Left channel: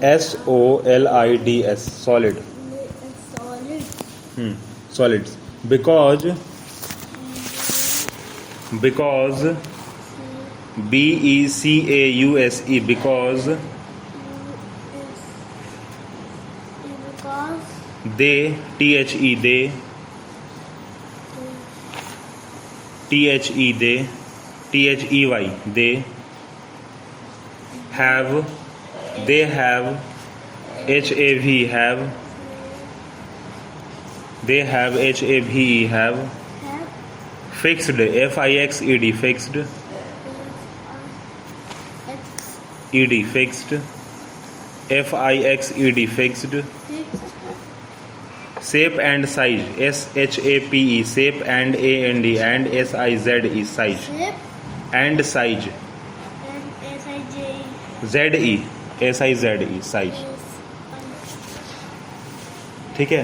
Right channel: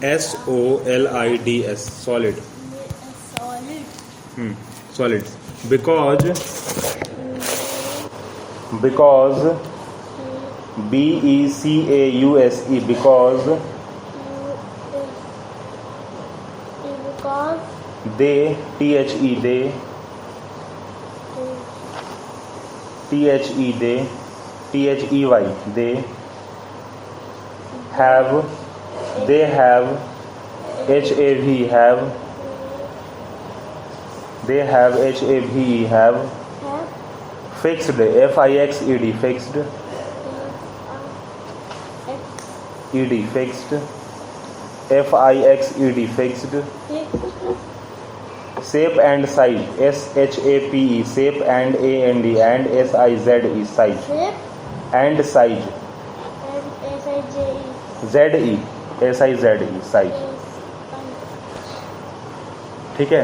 SOLIDS, solid. solid. Solids. Because BECAUSE, because Because they, THE, they, THE, they, THEY, they have, they have, HAV, have, they have, HAVE, have, fixed, FIXED, fixed, ED, fixed, FIXED, fixed, shape and size, SHAPE, shape and AND, and SIZE, size, shape and size, and SIJ SIZE, size. ठीक है।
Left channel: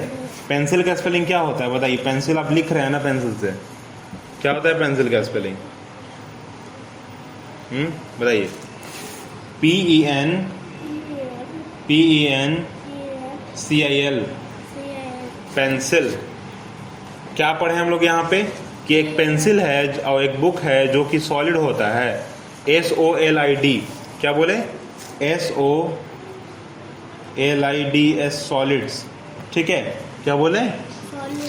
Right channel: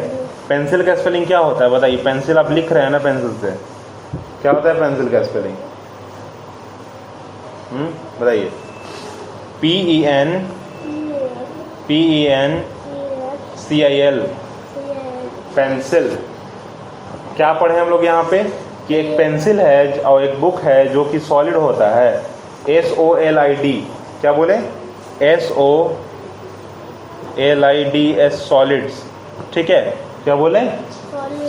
Pencil का spelling क्या होता है बताइए। Pencil आप लिख रहे हैं ना, पेंसिल से क्या होता है पेंसिल का स्पेलिंग? बताइए। PENCIL, pencil. क्या पढ़े हम लोग यहाँ पे कि एक पेंसिल है और एक बुक है जो कि सॉलिड होता है, SOLID। क्या बोले? SOLIDS, solids. ठीक है, क्या बोले?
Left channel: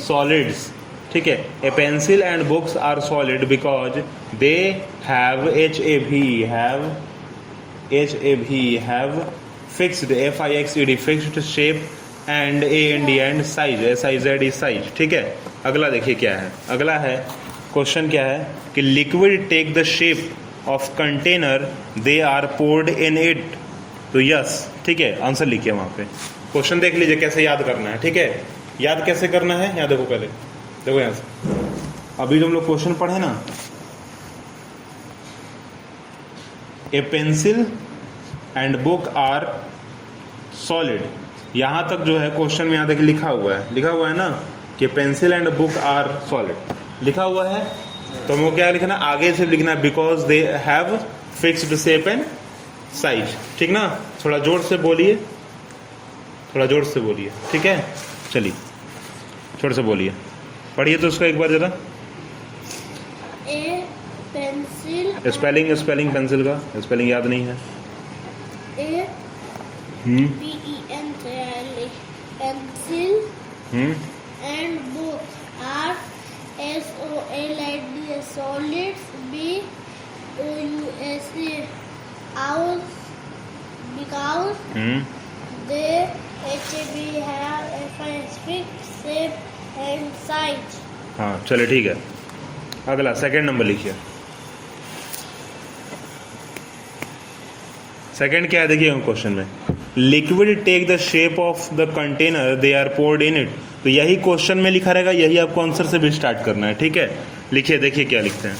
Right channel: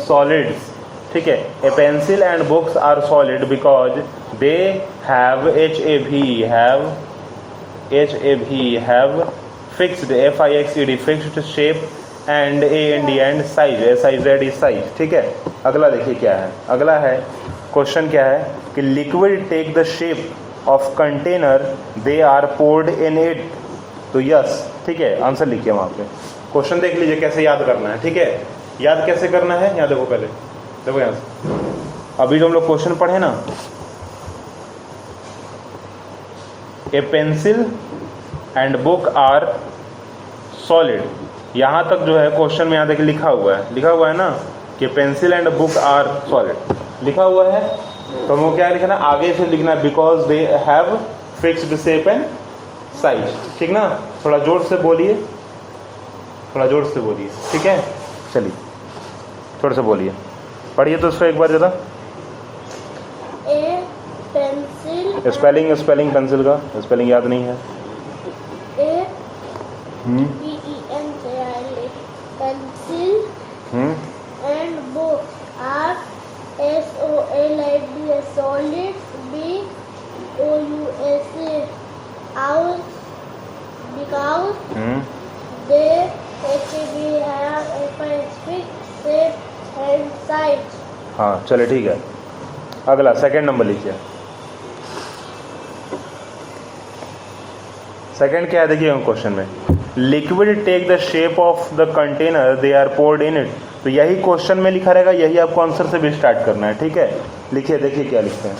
सॉलिड्स। ठीक है। A pencil and books are solid because they have HAV fixed, FIXED, fixed shape, and AND, and size, SIZE, size. ठीक है। अगला देखिए क्या है। अगला है क्वेश्चन क्या है कि liquid take the shape of container they are poured in it. तो यस, ठीक है, आंसर लिखिए वहाँ पे। क्वेश्चन देख लीजिए कैसे याद करना है। ठीक है, याद कैसे करना है यहाँ देखो। पहले देखो यहाँ से, अभी जो हम लोग क्वेश्चन पढ़े ना, a pencil and book are solid, यहाँ तक जो है क्वेश्चन में यहाँ देखिए लिखा हुआ है ना कि pencil and book are solid लिखा हुआ है। तो हमको क्या लिखना, आगे से लिखना है because they have fixed shape and size. ठीक ना, थोड़ा जोर से बोलिए, थोड़ा जोर से बोलिए। ठीक है, चलिए जोर से बोलिए, पढ़िए तो उसको एक बार ज़रा। ए पेंसिल, स्पेलिंग पेंसिल का स्पेलिंग याद नहीं है। PENCIL, pencil and book are SOLID, solids, BOUSE, out because they have a fixed shape and size. हाँ चलिए ठीक है। अगला सेकंड नंबर लिखिए। सेकंड क्या है देखिए क्वेश्चन में, liquid take the shape of the container they are poured in it. तो यही क्वेश्चन में लिखा रहेगा, यही आपको आंसर से भी स्टार्ट करना है। ठीक है, लिखिए, देखिए क्या लिखते हैं।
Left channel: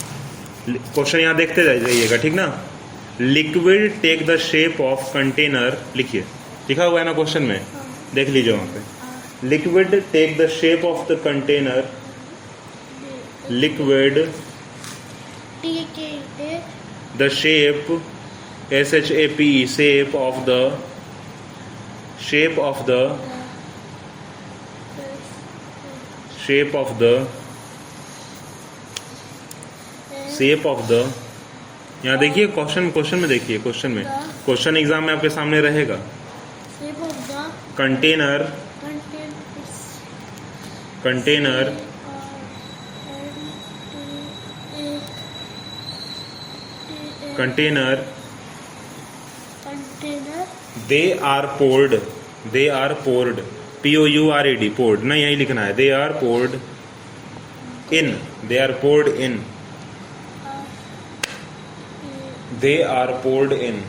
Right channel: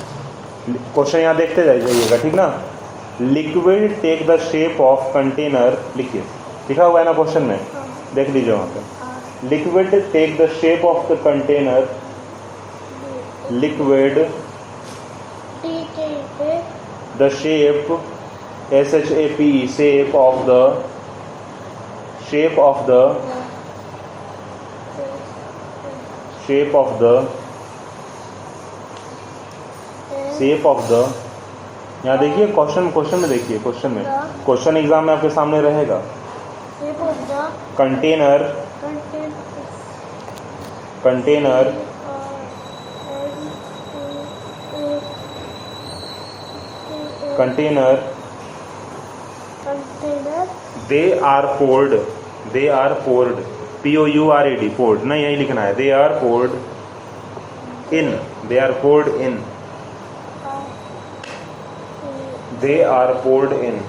क्वेश्चन यहाँ देखते जाइएगा, ठीक ना। Liquid take the shape of container, लिखिए, लिखा हुआ है ना क्वेश्चन में, देख लीजिए वहाँ पे। Liquid take the shape of the container, liquid the shape, SHAPE, shape of the यहाँ देखिए क्वेश्चन में देखिए, क्वेश्चन एग्जाम में आपके सामने रहेगा। Container they are poured, POURED, poured ना, यही लिखना है। They are poured in, they are poured in, they are poured in,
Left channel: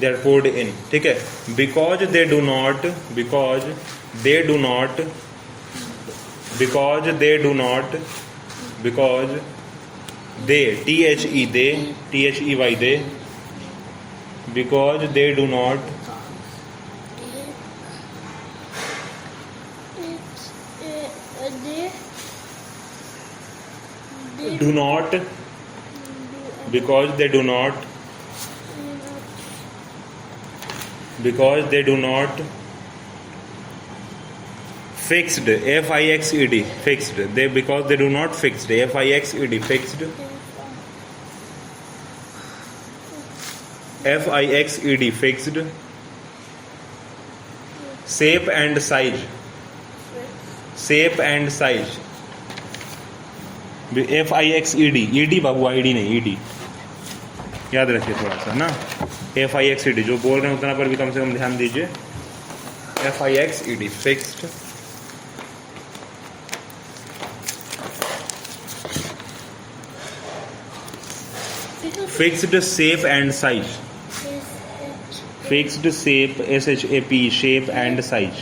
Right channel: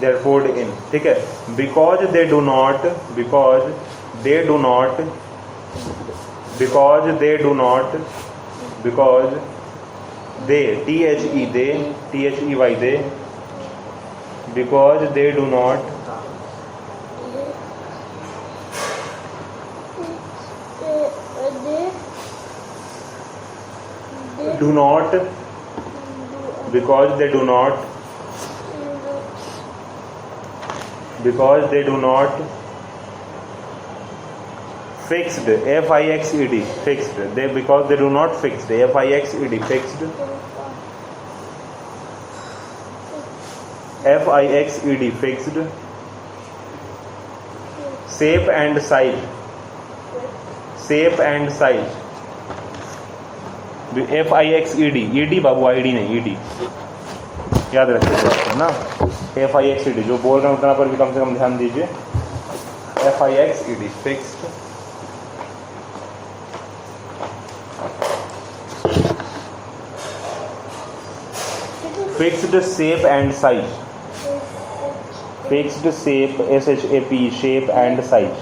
they are poured in. ठीक है, because they do not, they, THE, they, THEY, they, because they do not because they do not fixed, fixed, fixed, because they do not fixed, fixed, fixed, fixed, shape and size, fixed, Babu id नहीं ed, याद रखिए दोस्तों ना, fixed जो बोल रहे हैं उतना पर भी कम से कम ध्यान दीजिए, fixed, fixed, fixed shape and size, fixed shape, shap, shape and size,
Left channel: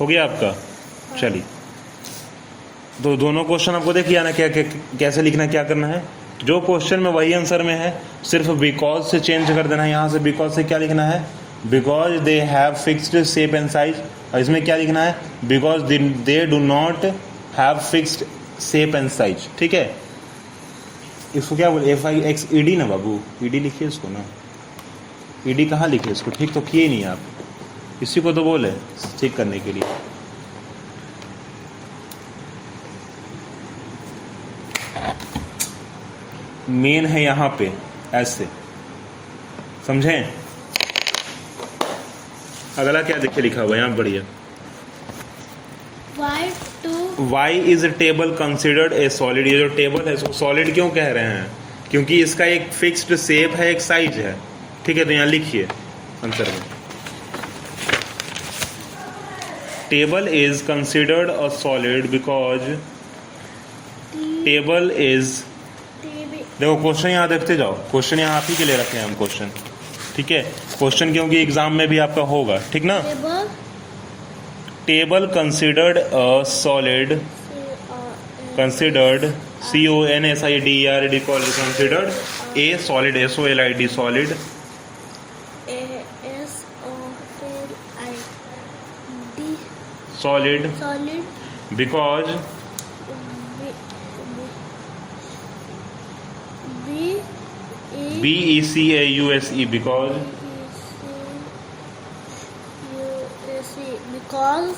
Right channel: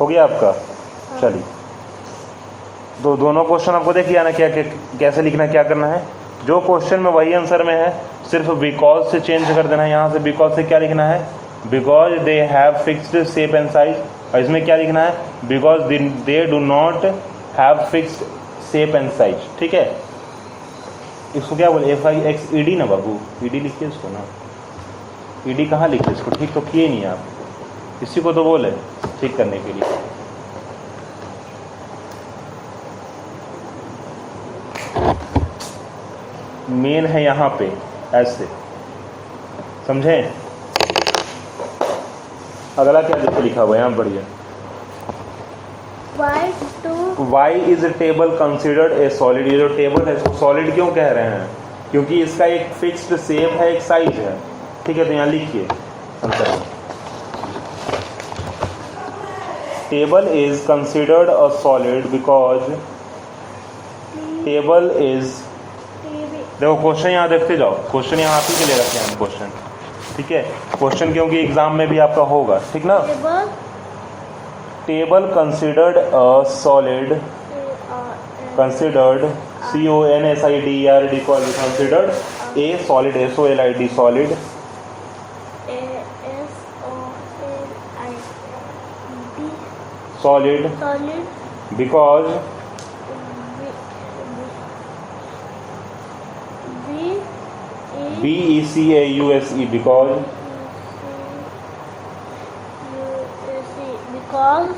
हो गया आपका। चलिए तो दोनों क्वेश्चन आपको देखिए ना, क्या कैसे लिखना, क्या करना है। जो क्वेश्चन में वही आंसर में है, सिर्फ बिकॉज से चेंज कर देना है। यहाँ से बिकॉज से क्या लिखना है, because they have fixed shape and size, और इसमें क्या लिखना है, because they do not have fixed shape and size. ठीक है, इसको क्या बोले, fixed ना बाबू, ed लिखिए इसको ना, ed कहाँ लिखे इसको, ठीक तो किए नहीं आप, इसी को तो बोले ठीक करने के लिए। मेन है यहाँ पे ऐसे, समझे। अगला क्या देखिए लिखा हुआ है यहाँ, बढ़िया, why is table considered a solid. ये जो टेबल है इसको सॉलिड क्यों कह रहे हैं, क्योंकि इसका एक फिक्स्ड शेप है, एक साइज है। ठीक है, तो यहाँ लिखिए answer, table is considered a solid because table is, देखो क्वेश्चन यहाँ देखते जाओ, क्वेश्चन यहाँ आप ही के लिए रखे हैं हम क्वेश्चन। ठीक है, क्वेश्चन क्योंकि एग्जाम में भी आपका होगा, ठीक ना। Table considered a solid, considered CONSIDERD, considered a solid, SOLID solid, solid because BECAUSE, because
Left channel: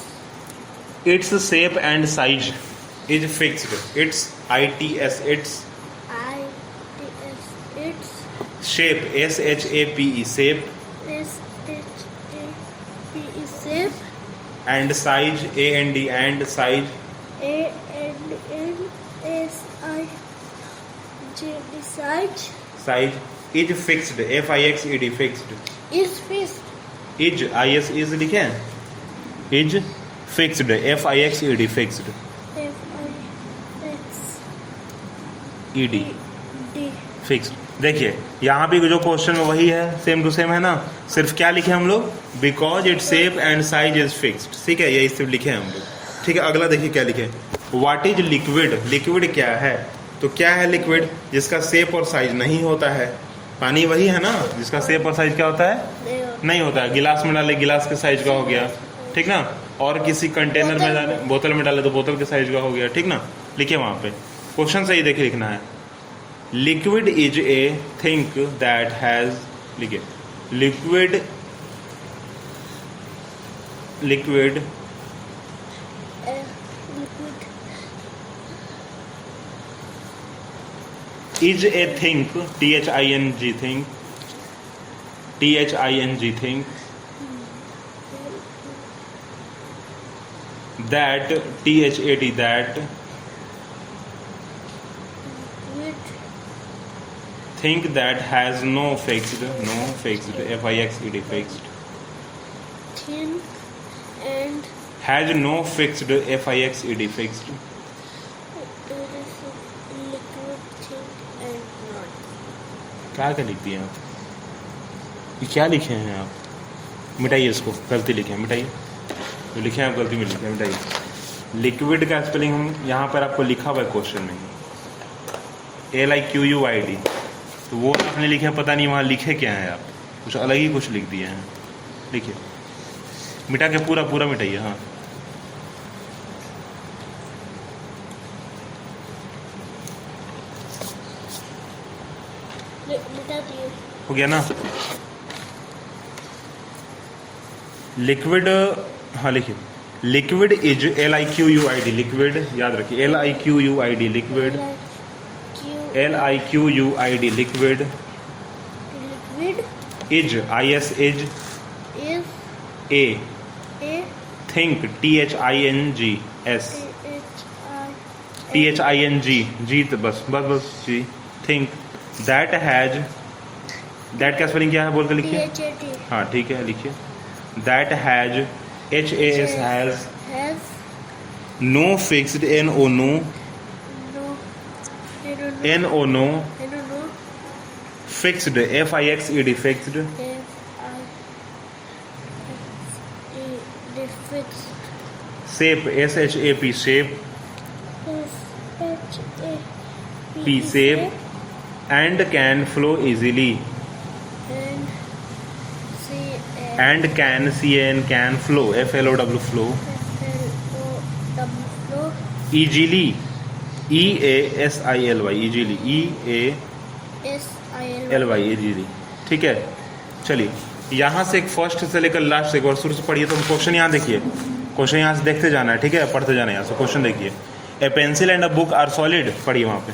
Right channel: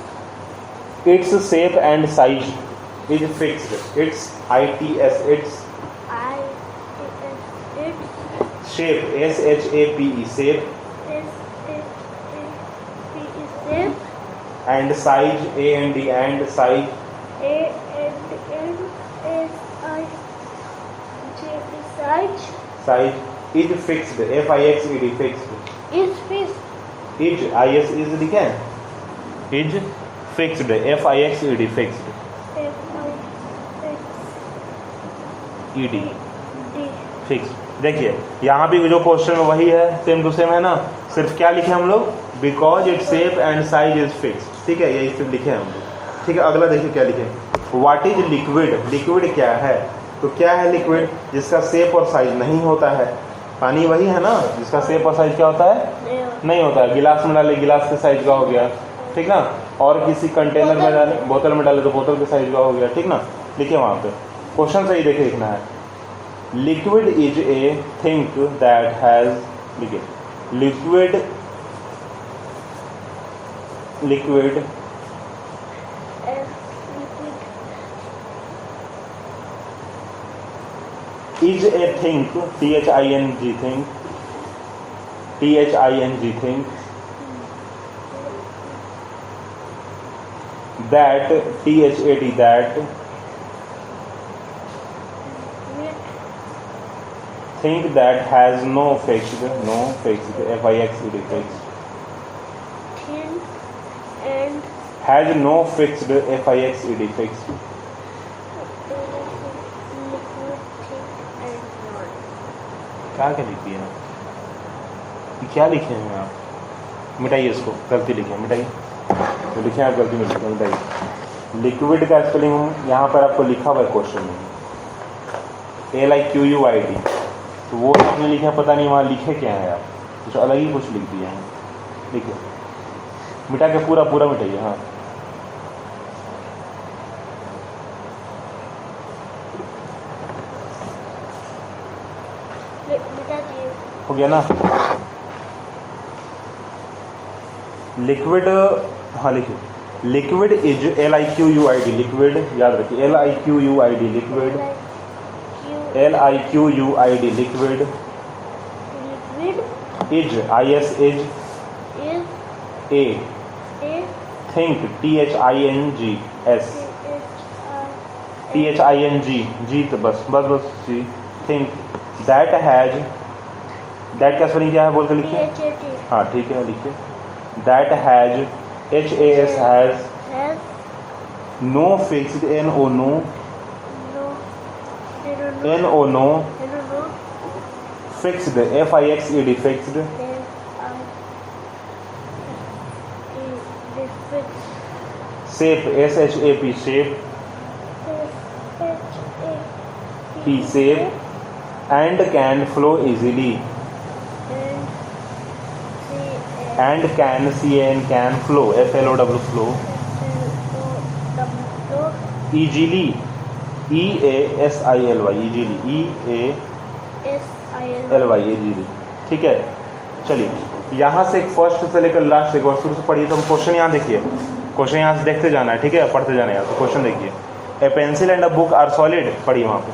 its shape and size is fixed, its its shape, SHAPE, shape and size, AND, and size size is fixed, FIXED, fixed, is fixed, is लिखे हैं, is fixed, FIXED, fixed, ED fixed। देखिए यहाँ भी जो question में वही है, same to same है ना, सिर्फ क्या लिखे हम लोग, because it shape and size is fixed. ठीक है, यही सिर्फ लिखे हैं हम लोग। ठीक है, अगला देखिए क्या लिखे, व्हाट इज लिक्विड। लिक्विड क्या है, तो क्या है लिक्विड, जिसका शेप और साइज नहीं होता है। पानी वही है ना, जिसका शेप और साइज क्या होता है, नहीं होता है। गिलास में डाले, गिलास के साइज का हो गया, ठीक ना। और किसी कंटेनर में डाले, बोतल में डाले तो बोतल के साइज का हो गया, ठीक ना। लिखिए वहाँ पे, क्वेश्चन सही देखे लिखना है। Liquid is a thing that has, लिखिए liquid, liquid is a thing, THING thing, THING thing, that THAT, that thing that has no fixed, FIXED, fixed, thin and has no fixed, FIXED, fixed, क्या लिख दिए हैं, ये क्या लिखे हैं आप, मिटाइए इसको, गलती लिखे, मिटाइए तो लिखे हैं आप, गलती में लिखे, मिटाइए। लिक्विड का स्पेलिंग हम यहाँ पर आपको लिखा हुआ है क्वेश्चन में, LIQUID, तो वो आपने लिखे हैं, पता नहीं वहाँ लिखे क्या है आप, कुछ अलग ही कुछ लिख दिए हैं। लिखिए, मिटा के पूरा पूरा मिटाइए, हाँ मिटा दिए। हो गया ना। लिक्विड, हाँ लिखिए, लिक्विड इज LIQUID, लिक्विड याद रखिए, LIQUID liquid, LIQUID liquid, liquid is IS is, is A a thing THINGS, THING जी, तो बस बस बस जी, थिंक, दैट हैज, दैट का स्पेलिंग क्या है बोल के लिखिए। हाँ ठीक है लिखिए, that has HAS has, no fixed NO no, NO no, fixed FIXED fixed, shape SHAP shape, P shape, and can flow easily, and can CAN can flow FLOW flow, easily EASILY easily, EALY easily. ठीक है, चलिए यहाँ से एक first से लेकर last एक बार शुरू से पढ़िए। तो हम क्वेश्चन यहाँ देखिए, क्वेश्चन यहाँ से देखते जाना है, ठीक है, पढ़ते जाना है यहाँ से। क्वेश्चन देखिए, a pencil and a book are solid, पढ़िए वहाँ पे।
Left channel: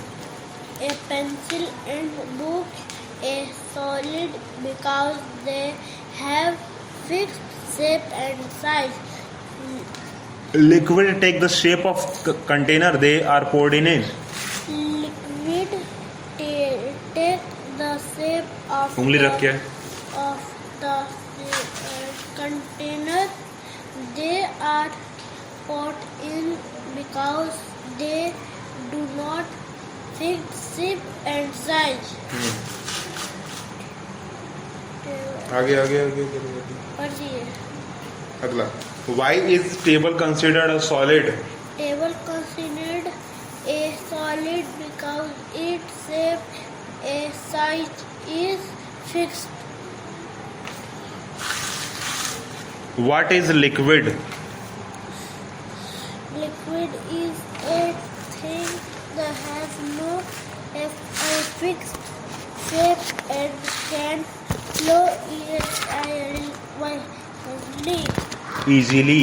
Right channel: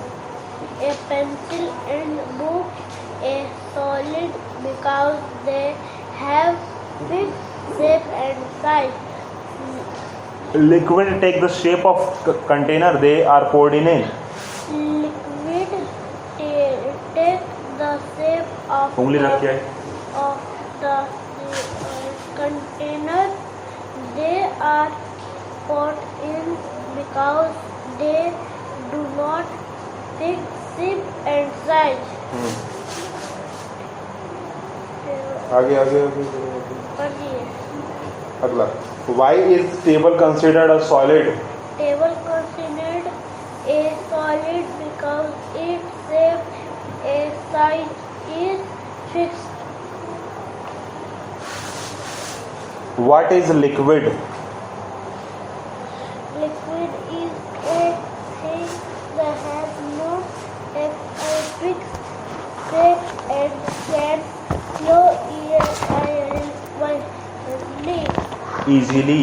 A pencil and book are solid because they have fixed shape and size. Liquid take the shape of container they are poured in it, Liquid take the shape of उंगली रख के, of the container they are put in because they do not fix shape and size. आगे आगे आगे पढ़िए। अगला, why is table considered a solid, Table considered a solid because its shape and size is fixed. What is liquid, Liquid is a thing that has no fixed shape and can flow easily, easily.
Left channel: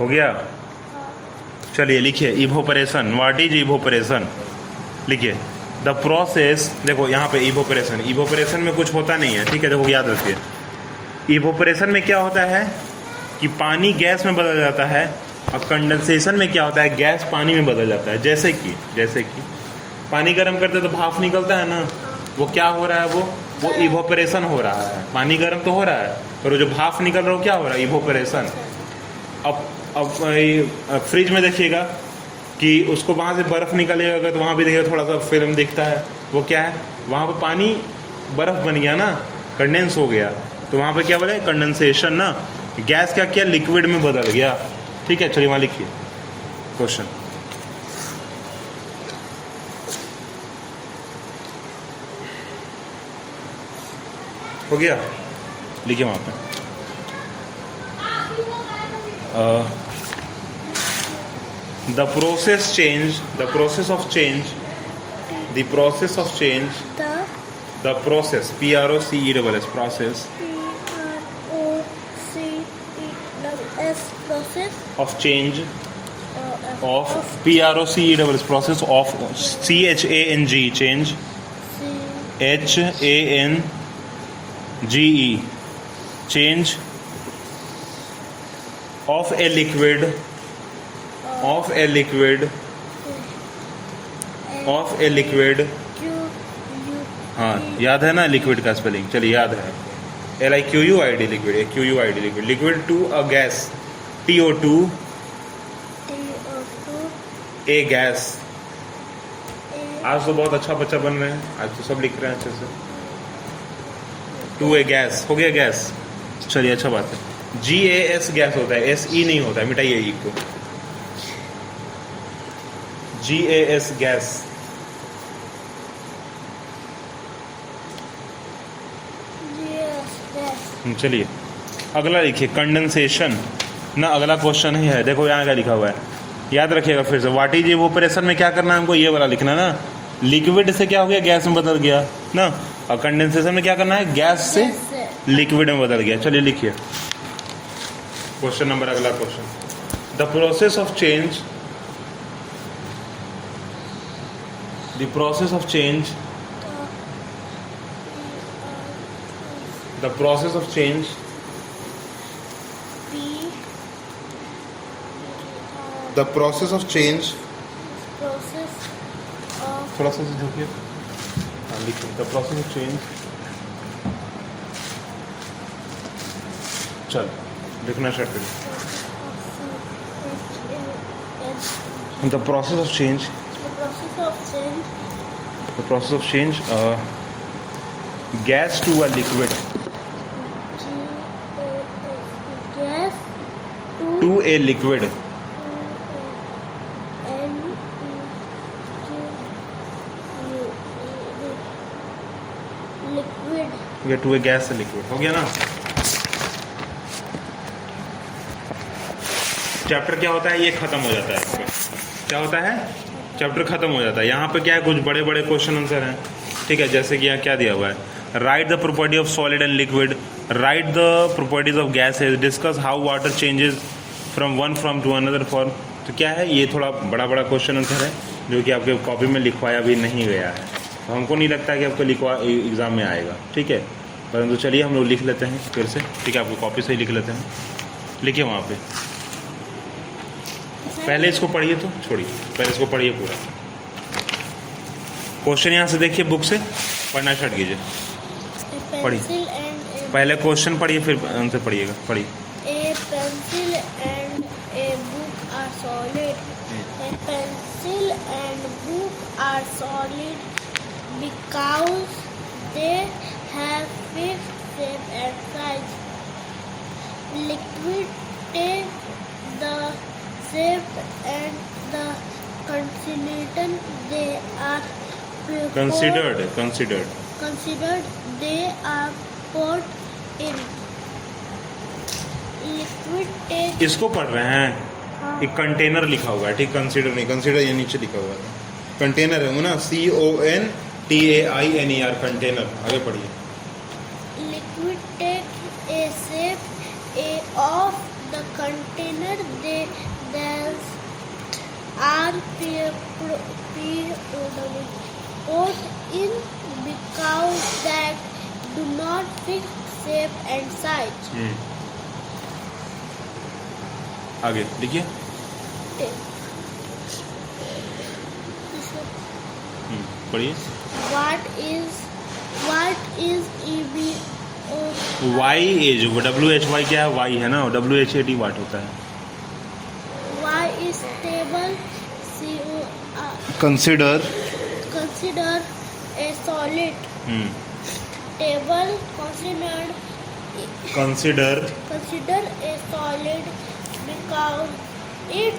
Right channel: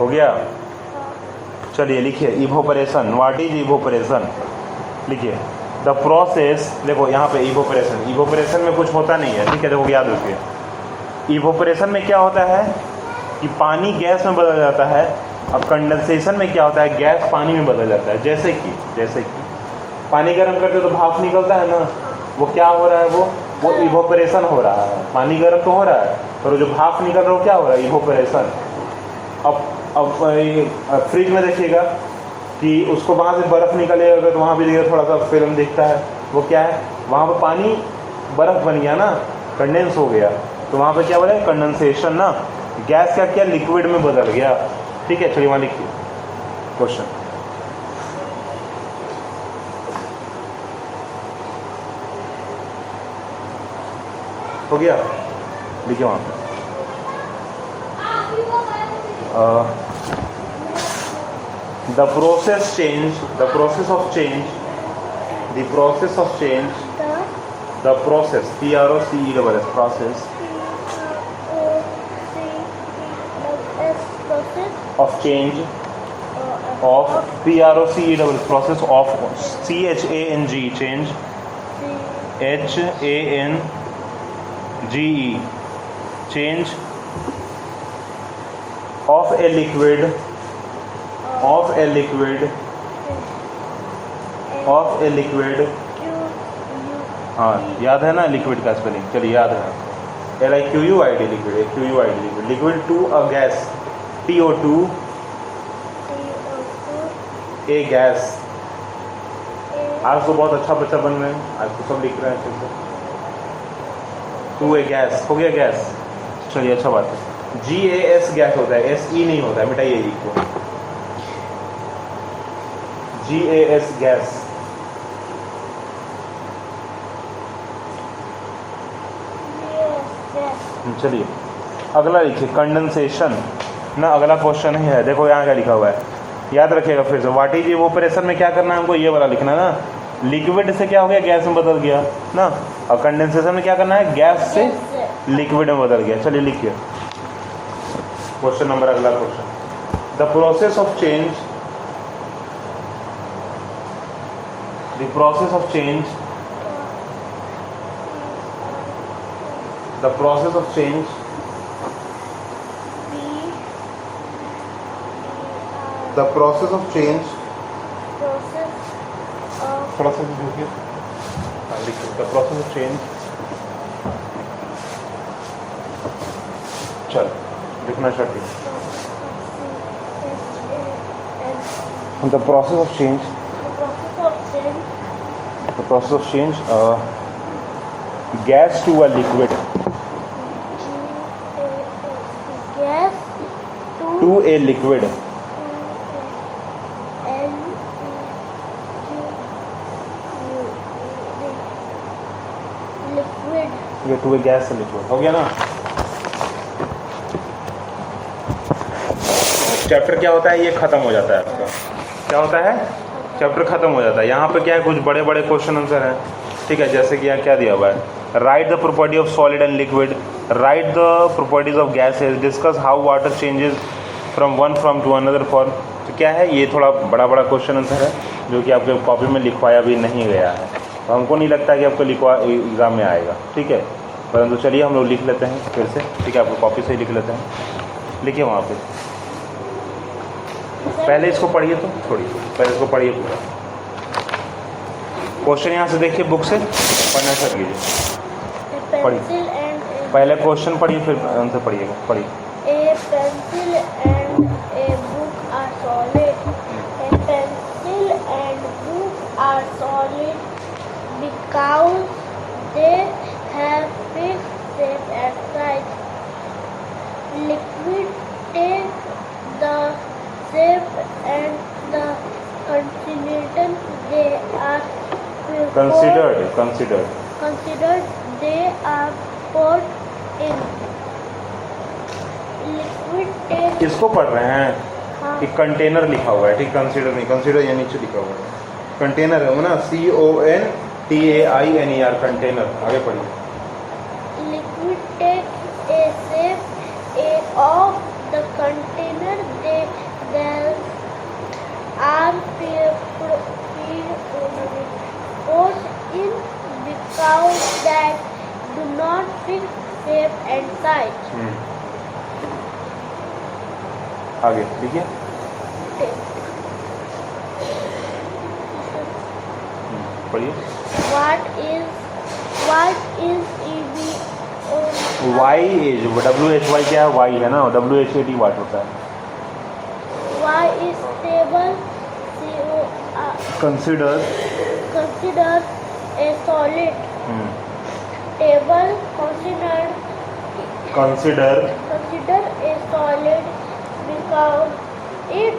हो गया। चलिए लिखिए, evaporation, what is evaporation, लिखिए the process, देखो यहाँ पे evaporation, evaporation में कुछ होता नहीं है, ठीक है, देखो याद रखिए। इवोपरेशन में क्या होता है कि पानी गैस में बदल जाता है, अब कंडेंसेशन में क्या होता है, गैस पानी में बदल जाता है। जैसे कि पानी गर्म करते तो भाप निकलता है ना, वो क्या हो रहा है, वो इवोपरेशन हो रहा है। पानी गर्म तो हो रहा है, पर जो भाप निकल रहा है वो क्या हो रहा है, इवोपरेशन। अब फ्रिज में देखिएगा कि उसको वहाँ से बर्फ़ निकलेगा तो वहाँ भी देखिएगा थोड़ा सा फिल्म दिखता है, वो क्या है, वहाँ पर पानी बर्फ़ बन गया ना, कंडेंस हो गया, तो वहाँ पे क्या बोला है, कंडेंसेशन ना, गैस का क्या लिक्विड में बदल गया। ठीक है, चलिए वहाँ लिखिए क्वेश्चन। हो गया, लिखिए वहाँ पे। The process of change, the process, PROCESS, process of change of PROCESS, process of CHANG, change, HANGE, change of a liquid, हाँ याद है ना लिक्विड का स्पेलिंग, चलिए याद है, LIQUID liquid, AQUID liquid, liquid to a gas, TO2 a gas. आज तो बहुत अच्छा बच्चा बन रहे हैं, आज तो सब लिख रहे हैं अच्छे से। टू ए गैस, हो गया गैस, चलिए अच्छा बात है। GAS गैस होता है, SE नहीं होता है, मिटाइए ई को, GAS गैस। चलिए अगला लिखिए, कंडेंसेशन ना, अगला क्वेश्चन ही है, देखो यहाँ क्या लिखा हुआ है, याद रखिएगा फिर से। व्हाट इज इवोपरेशन में क्या करना है हमको, ये वाला लिखना है ना, लिक्विड से क्या हो गया, गैस में बदल गया ना। और कंडेंसेशन में क्या करना है, गैस से लिक्विड में बदल गया। चलिए लिखिए क्वेश्चन नंबर, अगला question. The process of change, the process of change, the process of change the process of change, थोड़ा सा देखिए, लिखिए द प्रोसेस ऑफ चेंज। चल लिखना स्टार्ट करें। The process of change, the process of change gas to a liquid, to a liquid, liquid to a gas से liquid हो गया ना। चैप्टर क्या होता है, ये खत्म हो जाता है आपका। क्या होता है, चैप्टर खत्म हो जाता है। यहाँ पे क्या है, कुछ बड़े बड़े क्वेश्चन आंसर हैं, ठीक है। जैसे कि यहाँ क्या दिया हुआ है, write the property of solid and liquid, write the properties of gases, discuss how water changes from one form to another form. तो क्या है, ये थोड़ा बड़ा बड़ा क्वेश्चन आंसर है जो कि आपके कॉपी में लिखवाया भी नहीं गया है। तो हमको नहीं लगता कि आपको लिखवा एग्ज़ाम में आएगा, ठीक है। परंतु चलिए हम लोग लिख लेते हैं फिर से, ठीक है। आपको कॉपी से ही लिख लेते हैं, लिखिए वहाँ पे। पहले इसको पढ़िए, तो छोड़िए, पहले इसको पढ़िए पूरा क्वेश्चन। यहाँ से देखिए, बुक से पढ़ना स्टार्ट कीजिए, पढ़िए। पहले क्वेश्चन पढ़िए, फिर उनसे पढ़िएगा, पढ़िए। A pencil and a book are solid. A pencil and book are solid because they have fixed shape and size. Liquid take the shape and the considered they are considered they are poured in. Liquid take इसको पढ़ रहे हैं, हाँ, एक container लिखा हुआ है, ठीक। कंसीडर नहीं, कंसीडर ये नीचे लिखा हुआ है, कंटेनर है वो ना, CONTAINER, कंटेनर। आगे पढ़िए। liquid take a shape of the container they are poured in because that do not fix shape and size. आगे लिखिए। पढ़िए। What is EVO? Y एज, WHY क्या है, Y है ना, WHAT वाट होता है। Y is stable. Consider, Consider a solid. Table consider a solid because it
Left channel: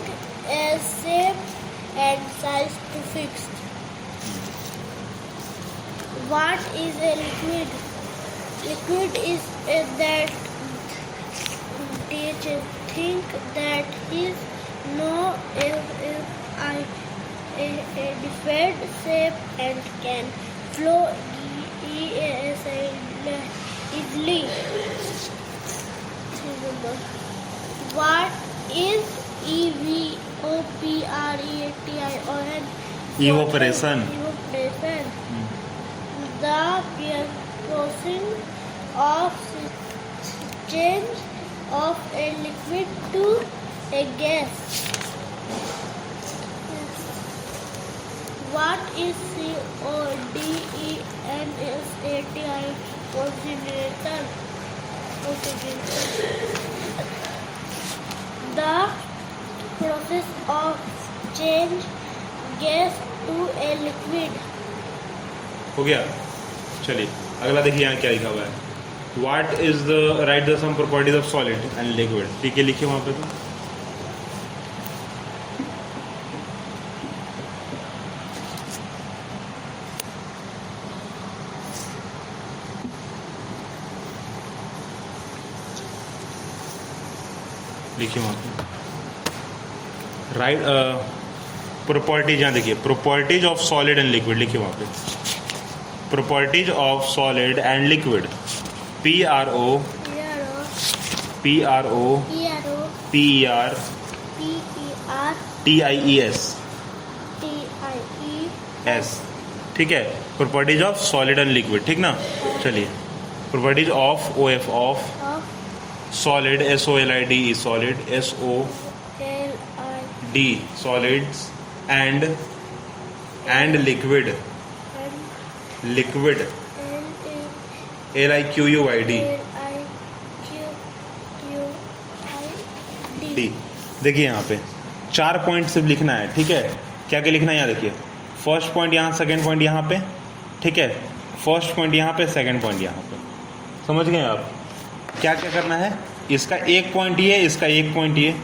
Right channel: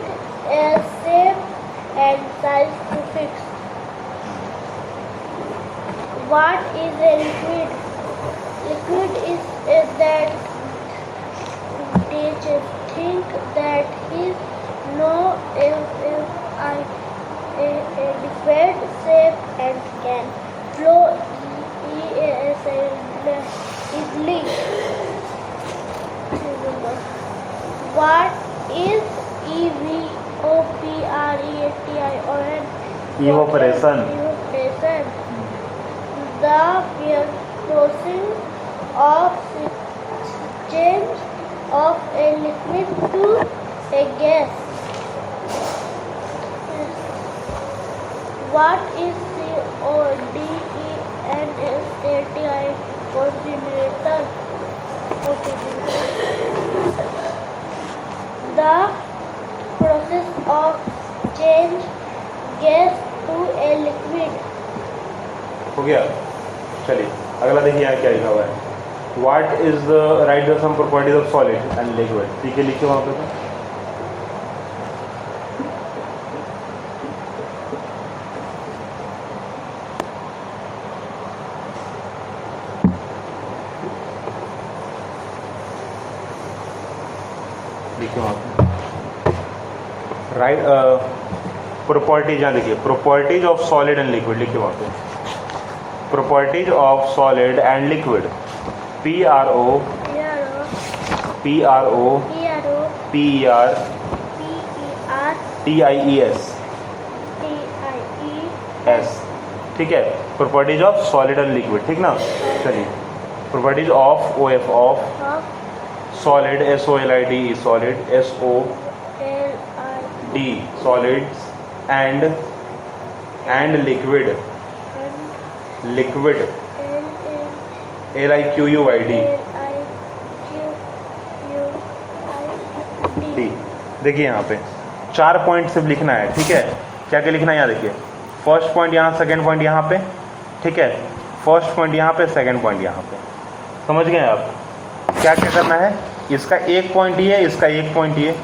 has shape and size to fix. What is a liquid? Liquid is that teacher think that is no a different shape and can flow easily. What is EVAPORETION? Evaporation. Evaporation. The process of change of a liquid to a gas. What is CODENSATI consider? The process of change gas to a liquid. हो गया। चलिए अगला देखिए, यहाँ क्या लिखा हुआ है, what is the, write the some properties of solid and liquid, ठीक है। लिखिए वहाँ पे, तो लिखिए वहाँ पे, राइट प्रॉपर्टीज यहाँ देखिए, properties of solid and liquid लिखिए वहाँ पे, properties of solid and liquid, PRO TIES, ठीक है, properties of solid and liquid, ठीक ना। चलिए, properties of OF of solid, SOLID solid, SOD solids and liquid LIQUID D। देखिए यहाँ पे 4 पॉइंट सिर्फ लिखना है, ठीक है। क्या क्या लिखना है यहाँ देखिए, फर्स्ट पॉइंट यहाँ, सेकंड पॉइंट यहाँ पे, ठीक है, फर्स्ट पॉइंट यहाँ पे, सेकंड पॉइंट यहाँ पे, समझ गए आप। क्या क्या करना है, इसका एक पॉइंट ये, इसका एक पॉइंट ये,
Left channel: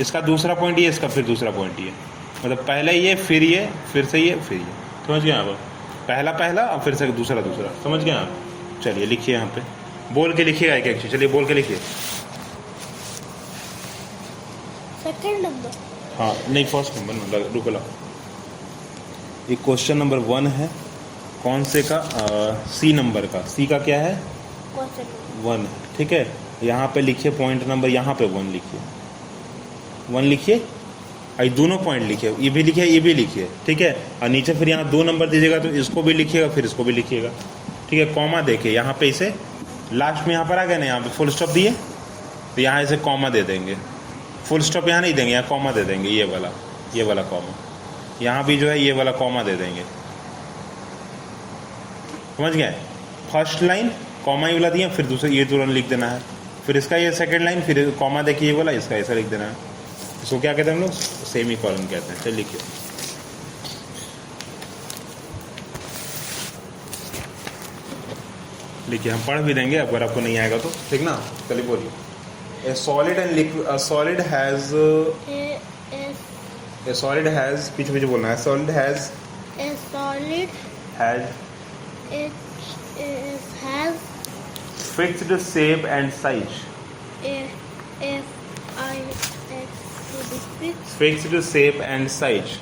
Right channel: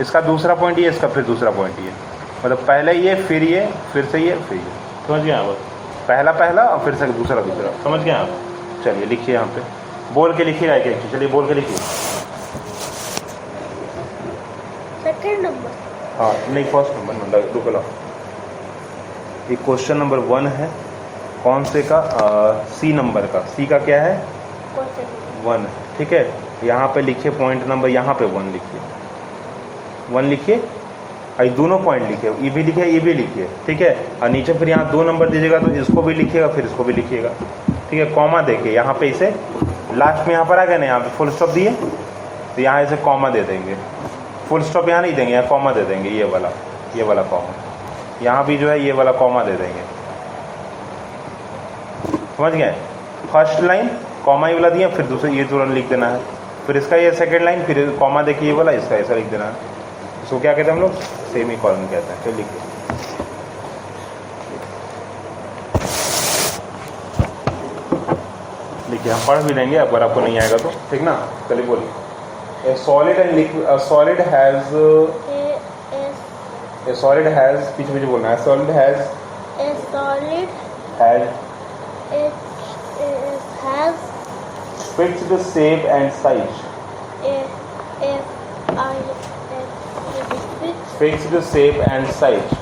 इसका दूसरा पॉइंट ये, इसका फिर दूसरा पॉइंट ये, मतलब पहले ये, फिर ये, फिर से ये, फिर ये, समझ गए आप। पहला पहला और फिर से दूसरा दूसरा, समझ गए आप। चलिए लिखिए यहाँ पे, बोल के लिखिएगा एक एक चीज, चलिए बोल के लिखिए। सेकंड नंबर, हाँ नहीं, फर्स्ट नंबर ना, रुको लो। ये क्वेश्चन नंबर 1 है, कौन से का, C नंबर का, C का क्या है, 1 है, ठीक है। यहाँ पे लिखिए पॉइंट नंबर, यहाँ पे 1 लिखिए, 1 लिखिए, ये दोनों पॉइंट लिखिए, ये भी लिखिए, ये भी लिखिए, ठीक है। और नीचे फिर यहाँ 2 नंबर दीजिएगा, तो इसको भी लिखिएगा, फिर इसको भी लिखिएगा, ठीक है। कॉमा देखिए यहाँ पे, इसे लास्ट में यहाँ पर आ गया ना, यहाँ पे फुल स्टॉप दिए, तो यहाँ इसे कॉमा दे देंगे, फुल स्टॉप यहाँ नहीं देंगे, यहाँ कॉमा दे देंगे, ये वाला कॉमा, यहाँ भी जो है ये वाला कॉमा दे देंगे, समझ गए। फर्स्ट लाइन कॉमा ये वाला दिया, फिर दूसरा ये तुरंत लिख देना है, फिर इसका ये सेकंड लाइन, फिर कॉमा देखिए ये वाला, इसका ऐसा लिख देना है। इसको क्या कहते हैं हम लोग, सेमी कॉलन कहते हैं। चलिए लिखिए, लिखिए, हम पढ़ भी देंगे अगर आपको नहीं आएगा तो, ठीक ना। चलिए बोलिए, ए solid and liquid, a solid has पीछे पीछे बोलना है, solid has fixed shape and size, fixed shape and size,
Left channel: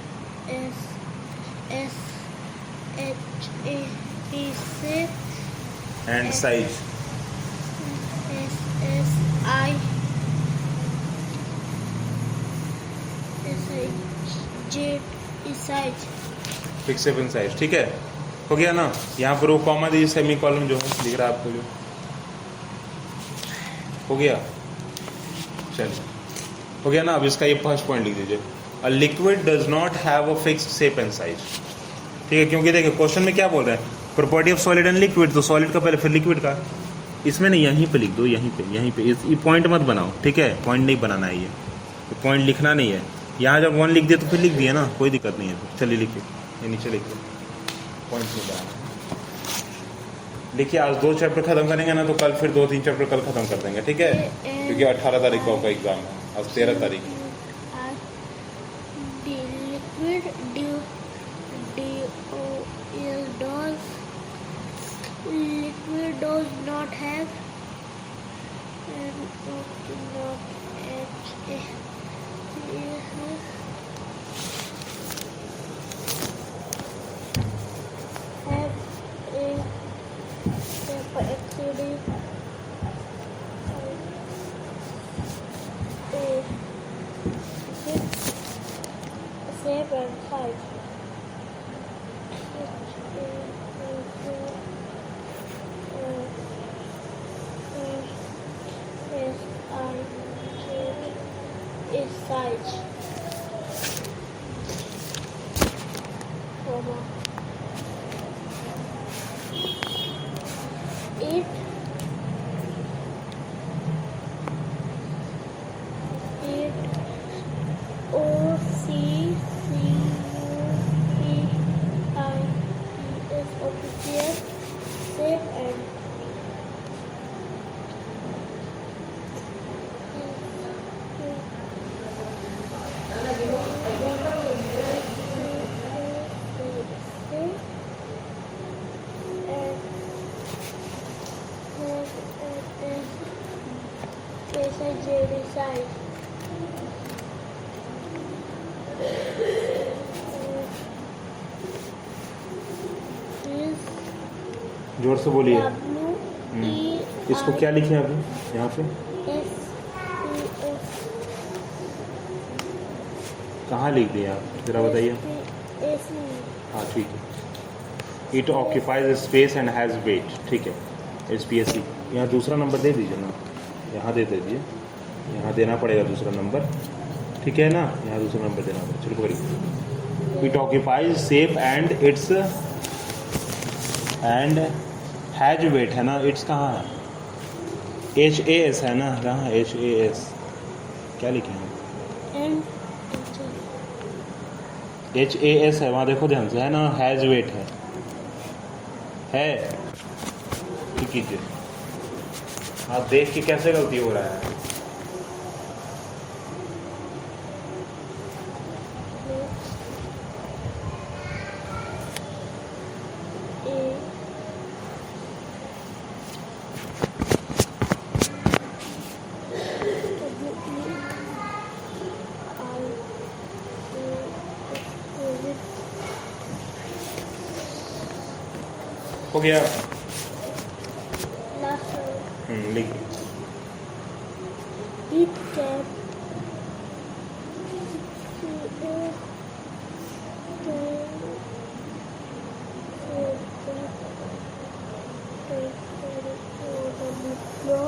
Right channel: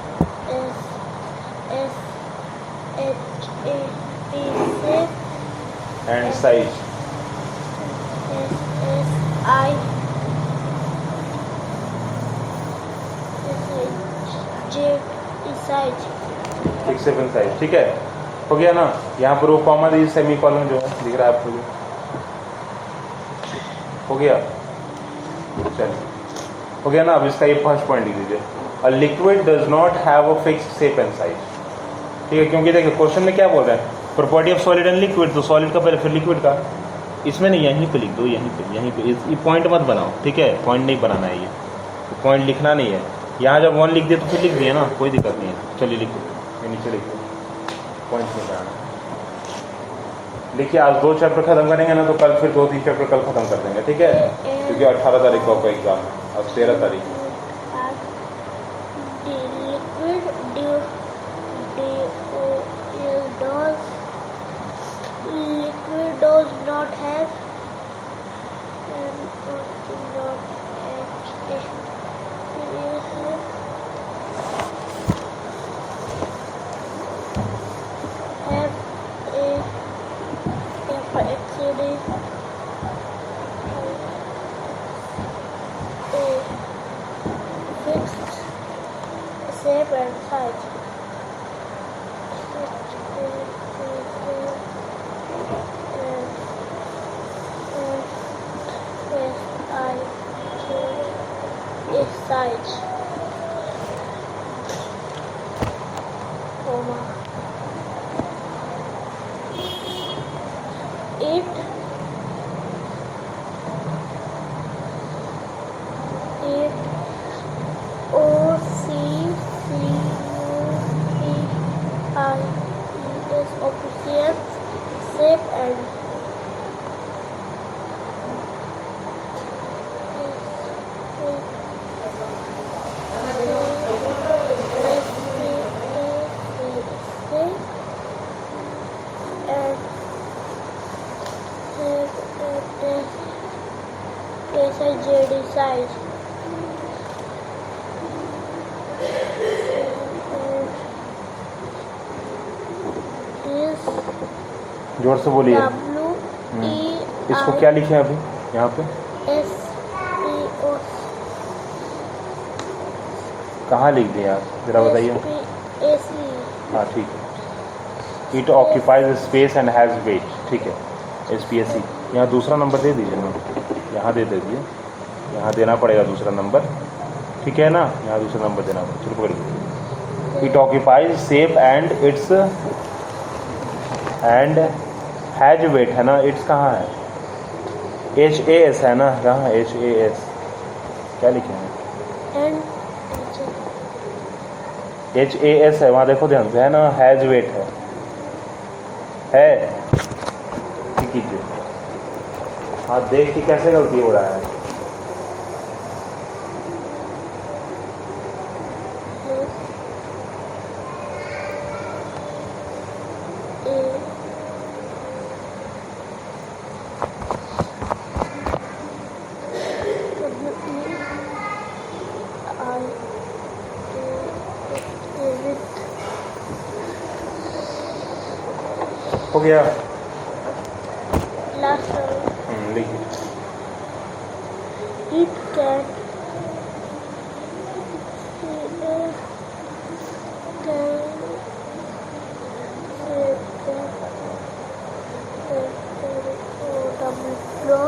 and size, fix shape and size, ठीक है। हो गया ना। यहाँ पर वो कॉमा दीजिए, सेमी कॉलम जो है दिख रहा है आपको, हो गया। चल हो गया ना। अब इसका ये फर्स्ट पॉइंट लिख दीजिए, a liquid does not have a fixed shape and size, ठीक है। क्योंकि देखिए क्वेश्चन में क्या बोल रहे हैं, property of solid and liquid, तो सॉलिड का पहले फिर लिक्विड का, इसमें नहीं, यहीं पे लिख दो, यहीं पे ये पॉइंट मत बनाओ, ठीक है। पॉइंट नहीं बनाना है, ये पॉइंट लिखना नहीं है। यहाँ जब 1 लिख दिए तो फिर लिख दिए ना, कोई दिक्कत नहीं है। चलिए लिखिए, ये नीचे लिखिए, पॉइंट नहीं बनाना। देखिए आज 2 चैप्टर खत्म करेंगे ना, तो कल फिर 2-3 चैप्टर कल खत्म कर देंगे, ठीक है। क्योंकि 18 तारीख को आपका एग्जाम है और 13 तारीख liquid does not have shape and size. Size, comma, it OCCUPIES official shape and JD size. जोर से बोलिए। WE इसको क्या लिखे अभी यहाँ पे? SPO कहाँ लिख दिए आप, ज़रा बताइए। SPAC हाँ ठीक है। It occupies space and has wait, ठीक है, SPSE। यहाँ दूसरा नंबर दे दीजिए ना, यहाँ दे दीजिए, यहाँ देना पड़ेगा दूसरा नंबर, ठीक है ना, यहाँ दूसरा नंबर देना पड़ेगा। चलो पकड़िए। It occupies space and it's and has weight है ना, इट्स कहाँ है? HAS है ना, कहाँ HAS क्या लिखे हैं? and HAS है, वहाँ देखो ध्यान से, है ना, हैज वेट है ठीक कीजिए। हाँ देख के कैसे गलती हो रहा है? हो गया? last लिखिए। it can flow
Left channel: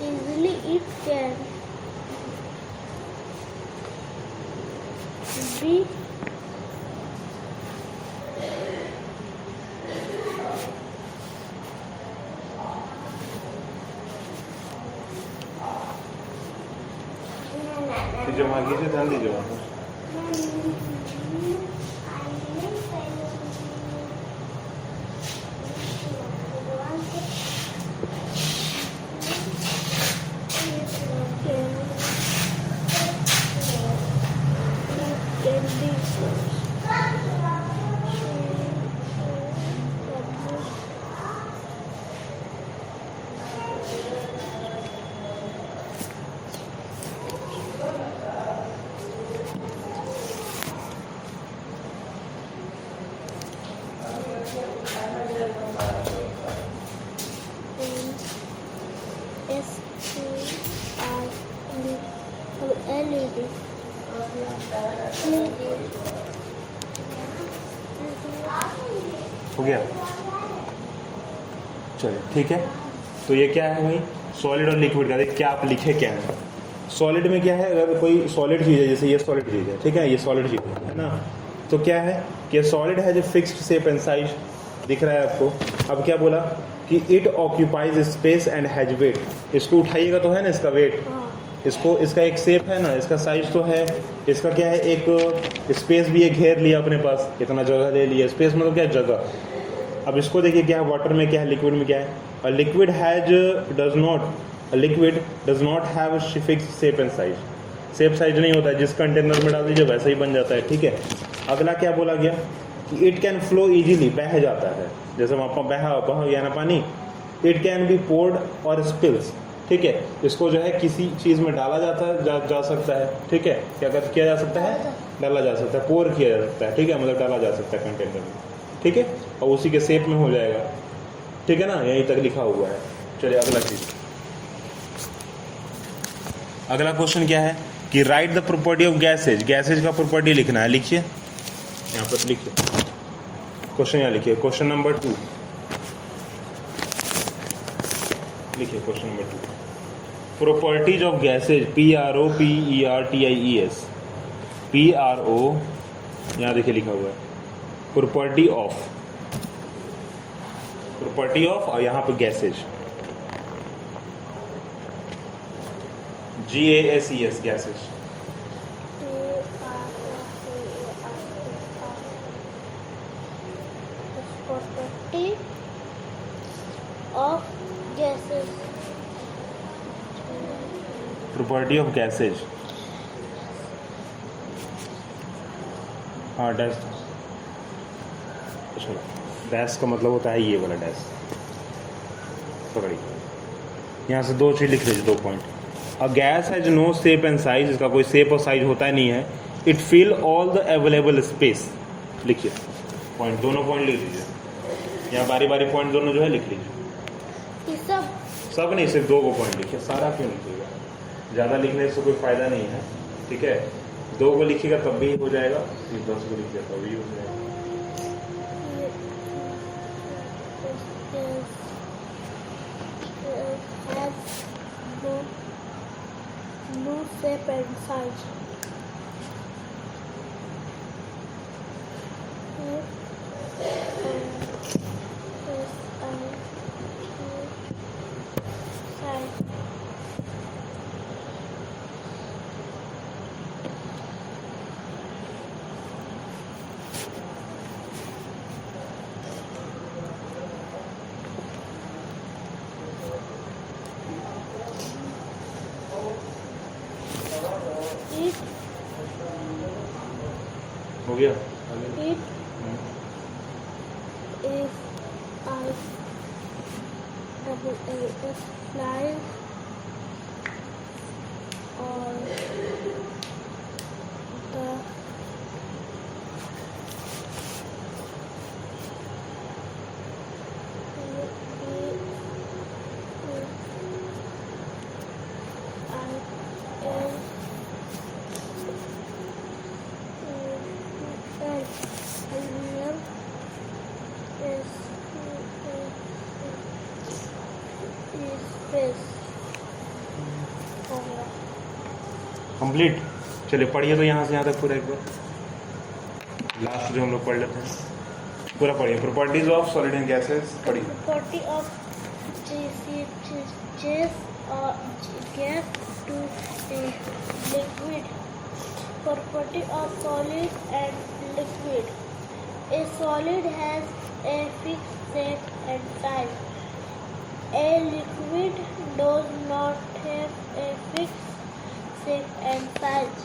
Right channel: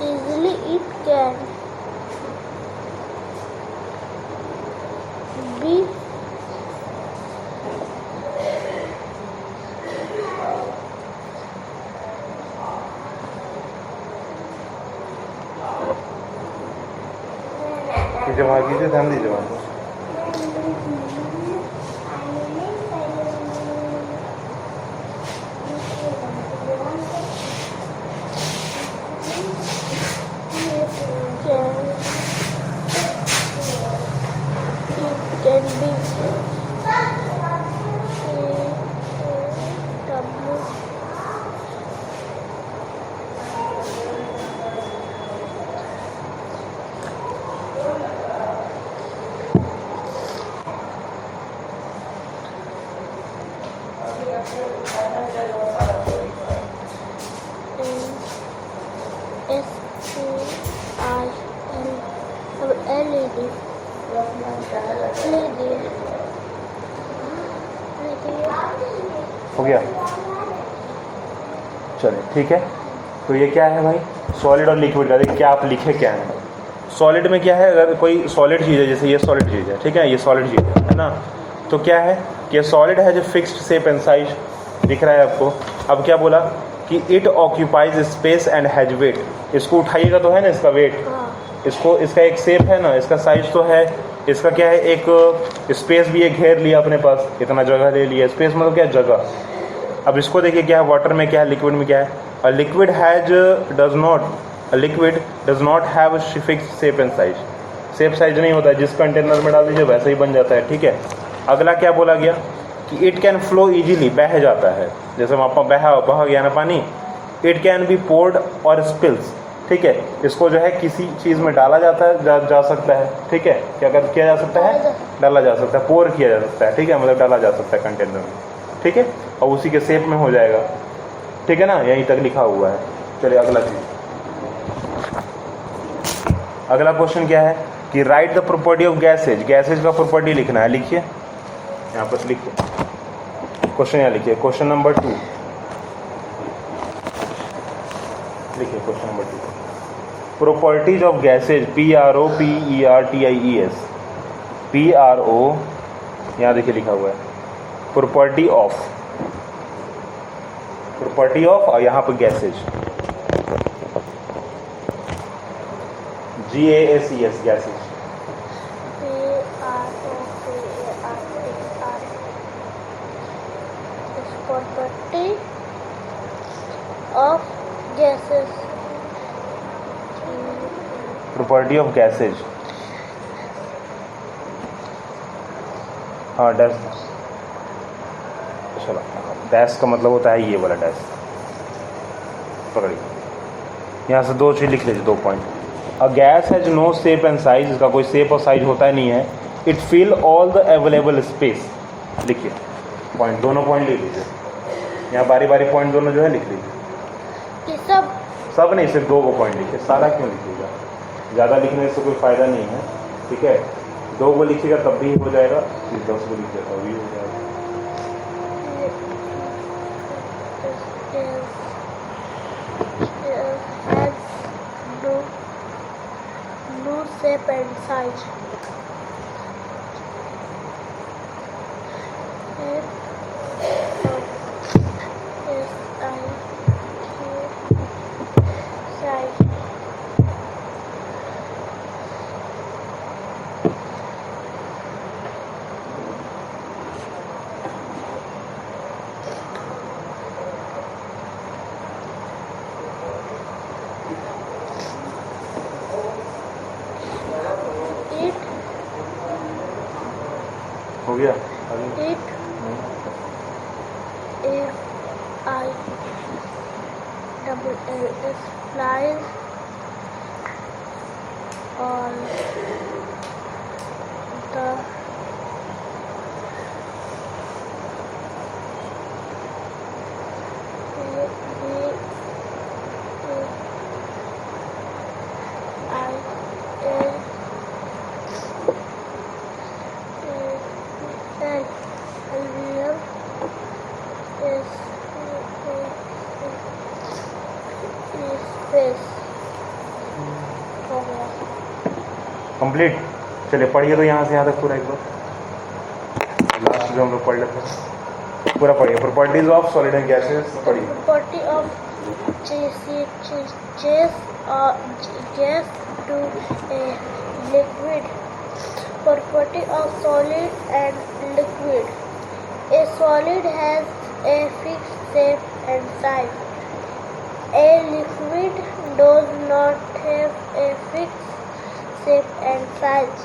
easily it can be जमा कीजिए, ध्यान दीजिए वहाँ पे। can be LED हो गया? चलिए ठीक है। तो ये क्या है भाई? सॉलिड और लिक्विड का देखिए क्या आप लिखे क्या है। सॉलिड में क्या है, अगर कोई सॉलिड चीज़ है, जैसे ये सॉलिड चीज़ है, ठीक है, ये सॉलिड चीज़ है ना, तो क्या है कि सॉलिड है जो फिक्स्ड शेप एंड साइज दिख रहा है आपको। अब क्या बोला कि it occupies space and has weight. इसको उठाइएगा तो है ना इसका वेट, इसको, इसका एक शेप है ना, इसका साइज तो है, इसका क्या है, एक स्पेस भी है, घेर लिया अपने पास, इतना जगह ले लिया। स्पेस मतलब क्या है, जगह। अब इसको देखिए क्या है, वाटर में क्या है, लिक्विड में क्या है। A liquid does not have fixed shape and size. Shape size नहीं होता है, जिस कंटेनर में डाल दीजिए वैसा ही बन जाता है, ठीक है। अगला क्या बोला गया कि इट कैन फ्लो इजीली, बह जाता है, जैसे वहाँ पर बह गया ना पानी। इट कैन बी पोर्ड और स्पिल्स, ठीक है, इसको जो है किसी चीज़ में डाला जाता है, जा सकता है, ठीक है। क्या किया जा सकता है? डाला जा सकता है, पोर किया जा सकता है, ठीक है, मतलब डाला जा सकता है कंटेनर में, ठीक है, और उसी के शेप में हो जाएगा, ठीक है ना, यहीं तक लिखा हुआ है। चलिए अगला चीज़, अगला क्वेश्चन क्या है कि right the property of gases. Gases का प्रॉपर्टी लिखना है, लिखिए यहाँ पर, लिखिए क्वेश्चन, यहाँ लिखिए क्वेश्चन नंबर 2, लिखिए question number 2। Properties of gases, PROPERTIES, PRO, यहाँ देखिए लिखा हुआ है प्रॉपर्टी ऑफ, और यहाँ पर gases, GASES, gases. property of gases. Property of gases, हाँ डैश, चलो डैश का मतलब होता है ये वाला डैश, पकड़िए। यहाँ से दो चीज़ लिख लीजिए, 2 point. A gas has no shape and size, इसका कोई शेप और साइज होता ही नहीं है। It fill all the available space, लिखिए पॉइंट, दोनों पॉइंट लिख लीजिए। यहाँ बारी बारी पॉइंट दोनों जो है लिख लीजिए। ये सब सब नहीं, सिर्फ 2 को पॉइंट लिखिए, सारा क्यों लिखिएगा, ज़्यादा लिखने से कोई फ़ायदा नहीं है, ठीक है। 2 को लिखिएगा तब भी हो जाएगा, 10 को लिखिएगा तब भी हो जाएगा। has no shape and size. हो गया It if I double L is flies on the complete. चलिए पढ़िए तो यहाँ से यहाँ तक पूरा एक बार, लास्ट जो हम लोग पढ़ लेते हैं पूरा पढ़िए। Properties of solid and gases पढ़िए। property of gas to a liquid. Property of solid and liquid. A solid has a fixed shape and size. A liquid does not have a fixed shape and size.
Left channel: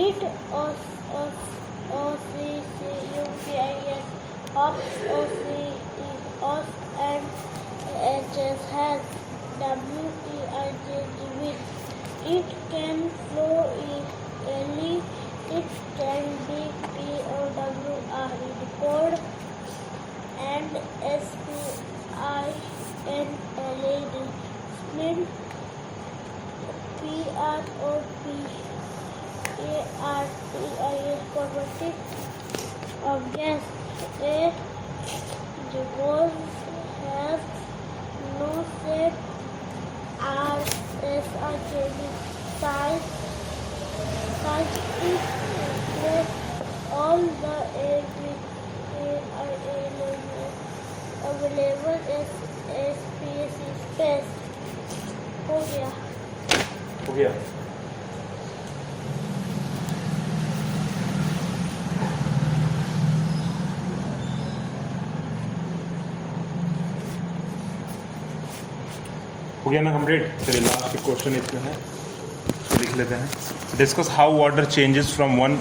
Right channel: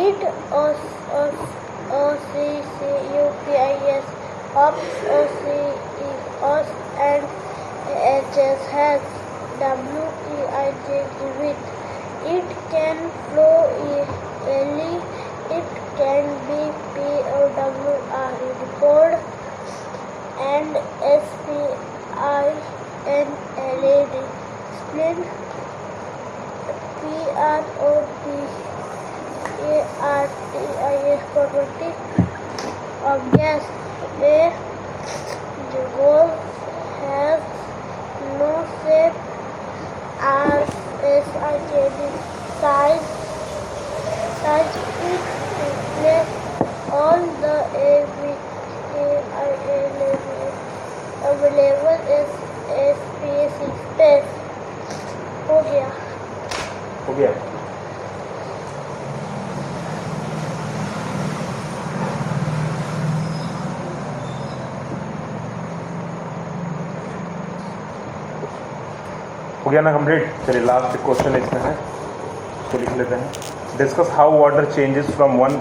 It OCCUPIS hops OCEOS and HS has WEIJ width. It can flow easily. It can be POWR poured and SPINLAD split. PROPARTIS property of gas. A revolve has no shape. RSIKD size it reflects all the available space. हो गया। हो गया। हो गया ना complete. चलिए last question इसमें है, इसको लिख लेते हैं। Discuss how water changes from one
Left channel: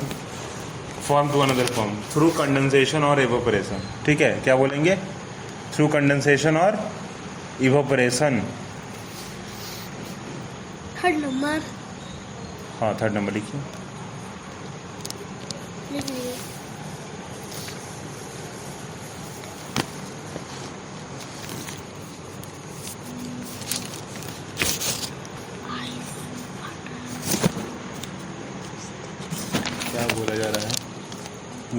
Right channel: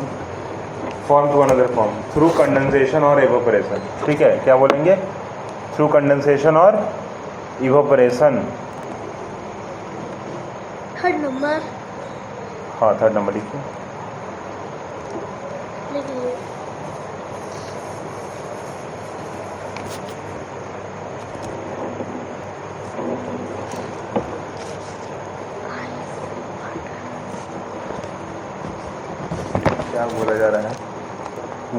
form to another form through condensation और एवोपरेशन। ठीक है, क्या बोलेंगे? थ्रू कंडेंसेशन और इवोपरेशन। Third number. हाँ थर्ड नंबर लिखिए। लिख लिए। क्या बोला जा रहा है?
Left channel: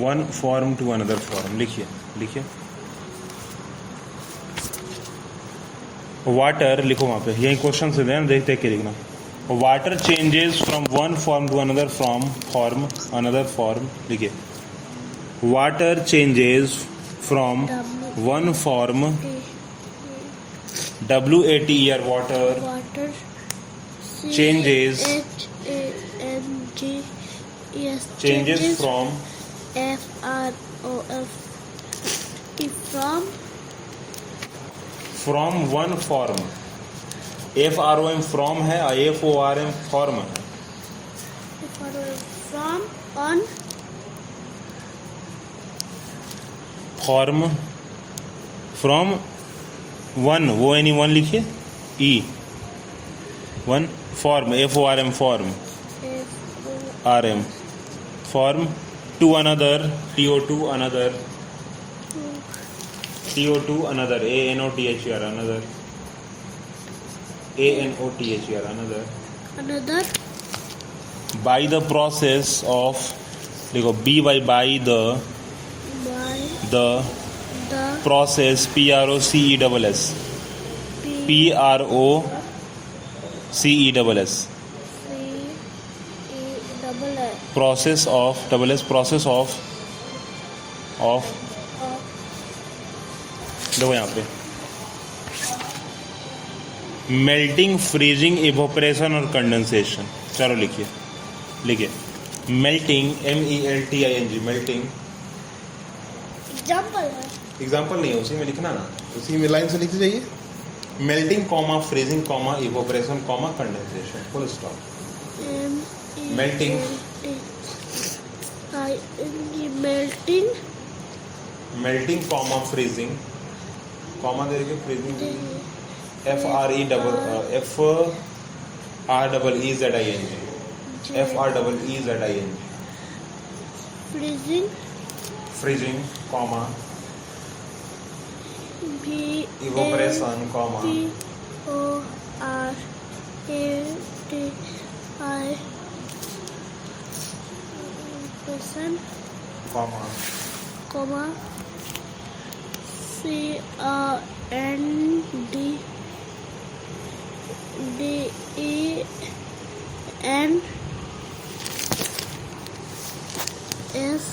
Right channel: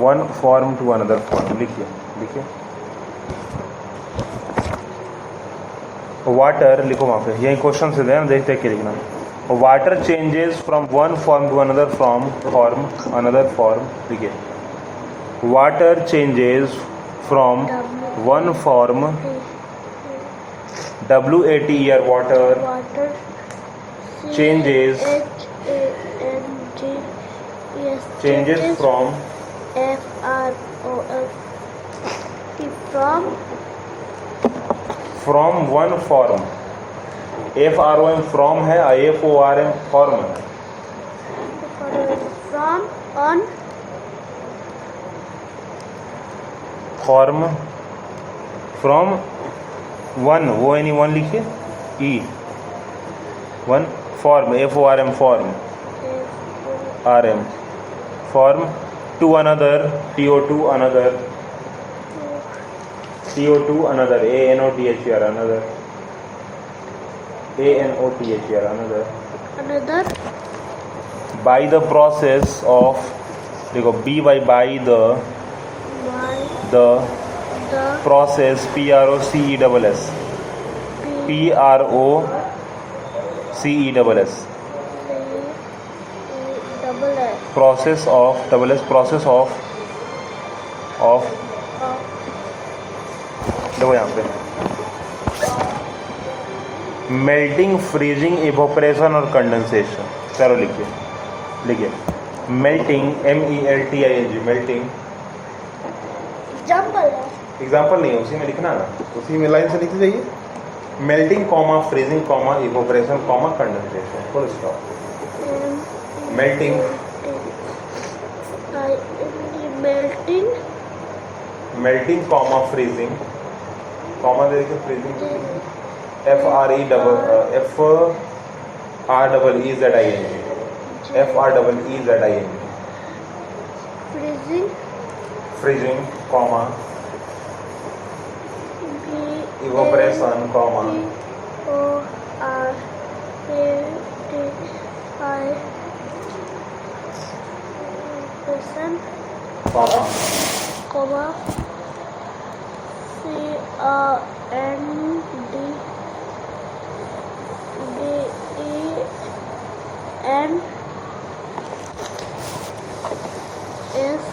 One form to another form लिखिए, लिखिए। वाटर लिखो वहाँ पे, यही क्वेश्चन से दें, देखते के लिखना। Water changes from one form to another form another form लिखिए। Water changes from one form WATER water water changes changes from from one form. FROM from है, FORM फॉर्म है। from on form from one, वो any one लिखिए, ई one, form FORM, form RM, form to another, TO2 another, TO2 another, ANOTHER another, ANOTHER another, another, by the process of, देखो B by by the by the the process PROCESS, PROCESS, process of SS, process of देखो यहाँ पे melting, freezing, evaporation और condensation. चलो लिखिए melting, MELTING, melting, example है। Example नहीं है, उसी में लिखना ना, उसी में लाइन से लिखते जाइए। Melting comma freezing comma evaporation comma condensation, full stop. Melting, melting, melting comma freezing comma दे के freezing, FREEZING, freezing, freezing comma evaporation comma person, comma comma, CONDENS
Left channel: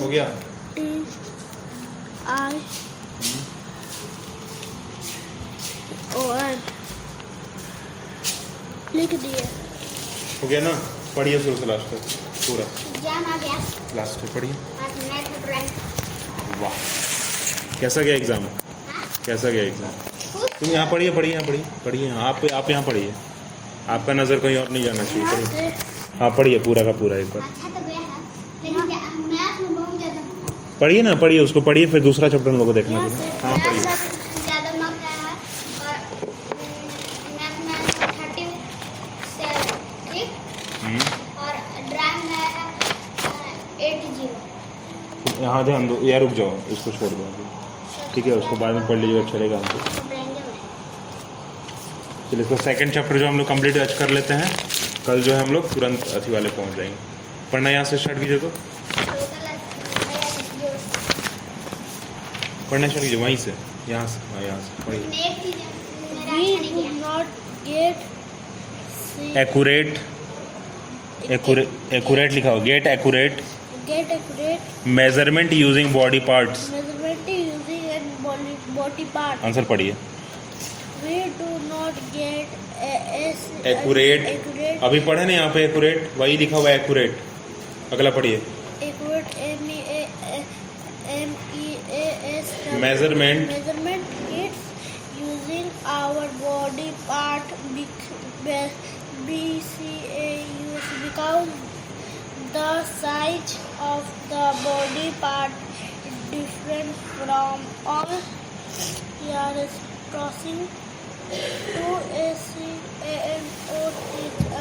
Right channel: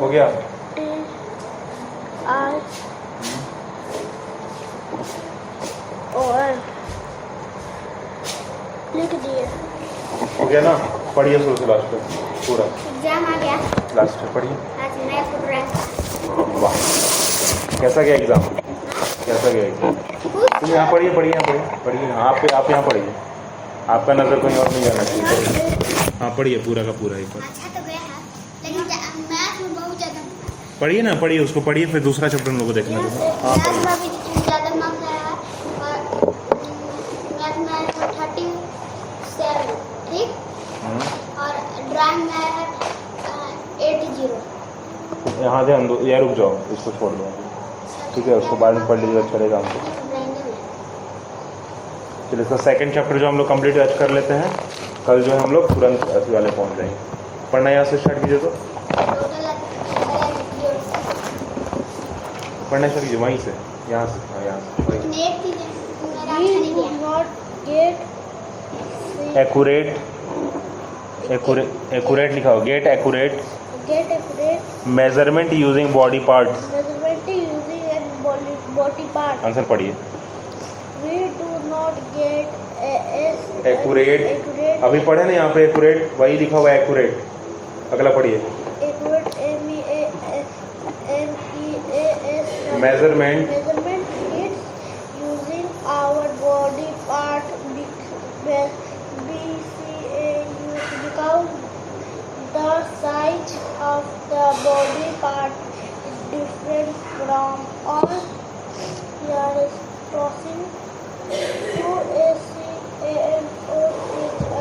हो गया। लिख दिए। हो गया ना, पढ़िए शुरू से लास्ट तक पूरा, एग्जाम आ गया, लास्ट तक पढ़िए। आज मैं पढ़ रहा हूँ। वाह, कैसा गया एग्जाम, कैसा गया एग्जाम? तुम यहाँ पढ़िए, आप यहाँ पढ़िए, आपका नज़र कहीं और नहीं जाना चाहिए, पढ़िए। हाँ पढ़िए पूरा का पूरा एक बार अच्छा तो गया है, लेकिन मैथ में बहुत ज़्यादा पढ़िए ना, पढ़िए उसको, पढ़िए फिर दूसरा चैप्टर हम लोग को देखना है। हाँ मैथ पढ़िए। में ज़्यादा मार्क्स आया है और मैथ में 37, ठीक, और ड्राइंग में आया है 80। यहाँ ध्यान दो, या रुक जाओ, इसको छोड़ दो अभी। ठीक है, उसको बाद में पढ़ लीजिएगा, चलेगा हमको। चलिए इसका सेकंड चैप्टर जो हम लोग कंप्लीट आज कर लेते हैं, कल जो है हम लोग तुरंत अथी वाले पहुँच जाएंगे। पढ़ना यहाँ से स्टार्ट कीजिए, तो पढ़ना स्टार्ट कीजिए वहीं से, यहाँ से, हाँ यहाँ से पढ़िए। एक्यूरेट लिखा हो, get accurate measurement using body parts. Answer पढ़िए। एक्यूरेट, अभी पढ़े ना यहाँ पे एक्यूरेट, वही लिखा हुआ है एक्यूरेट। अगला पढ़िए, measurement using our body part because the size of the body part different from all years crossing to is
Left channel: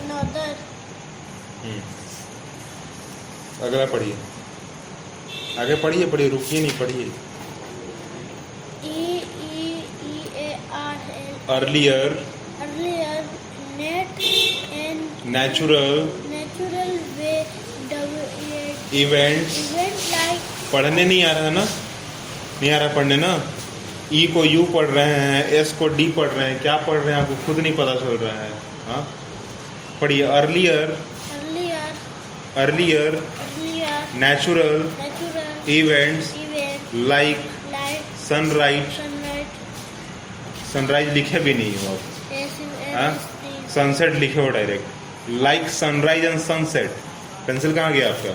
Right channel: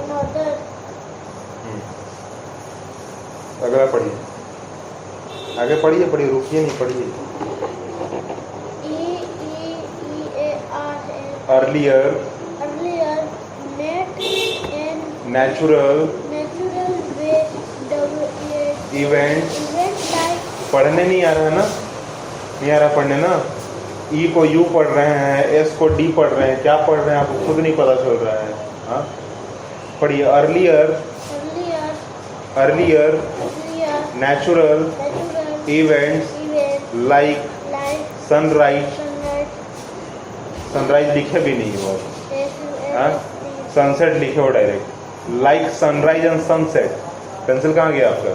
another. अगला पढ़िए, आगे पढ़िए, रुकिए नहीं, पढ़िए। अर्लियर नेचुरल इवेंट्स, पढ़ने नहीं आ रहा है ना, नहीं आ रहा पढ़ने ना। ई को यू पढ़ रहे हैं, एस को डी पढ़ रहे हैं, क्या पढ़ रहे हैं आपको खुद नहीं पता चल रहा है। हाँ पढ़िए, earlier natural events like sunrise, sunrise लिखे भी नहीं हो, सनसेट लिखे हो direct, like sunrise and sunset. Pencil कहाँ गया आपका?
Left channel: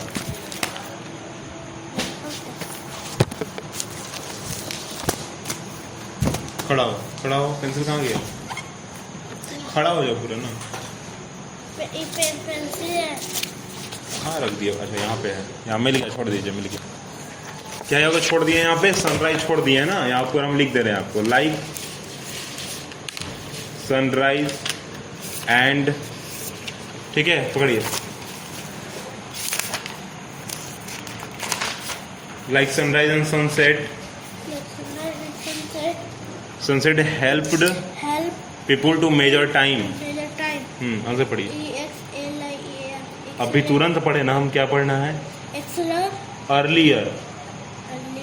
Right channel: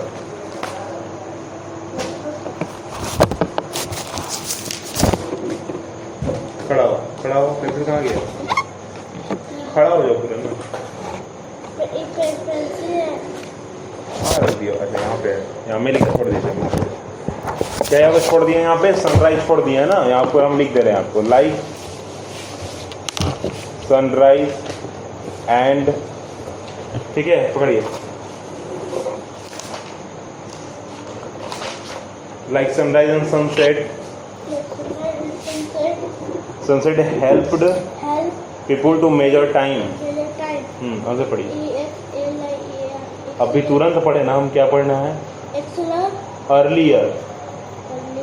खड़ा हो, पेंसिल कहाँ गया? खड़ा हो जाओ पूरे ना। हाँ रख दिया, अच्छा यहाँ पे है, यहाँ में लिखा, छोड़ दीजिए, मैं क्या यहाँ पे छोड़ दिए, यहाँ पे सनराइज छोड़ दिए है ना, यहाँ पर हम लिख दे रहे हैं आपको लाइक सनराइज एंड, ठीक है पकड़िए, like sunrise and sunset, sunset helped help people to measure time. measure time. Answer पढ़िए, EXLIER. अभी तुरंत पढ़े ना, हम क्या पढ़ना है, Excellent. अर्लियर,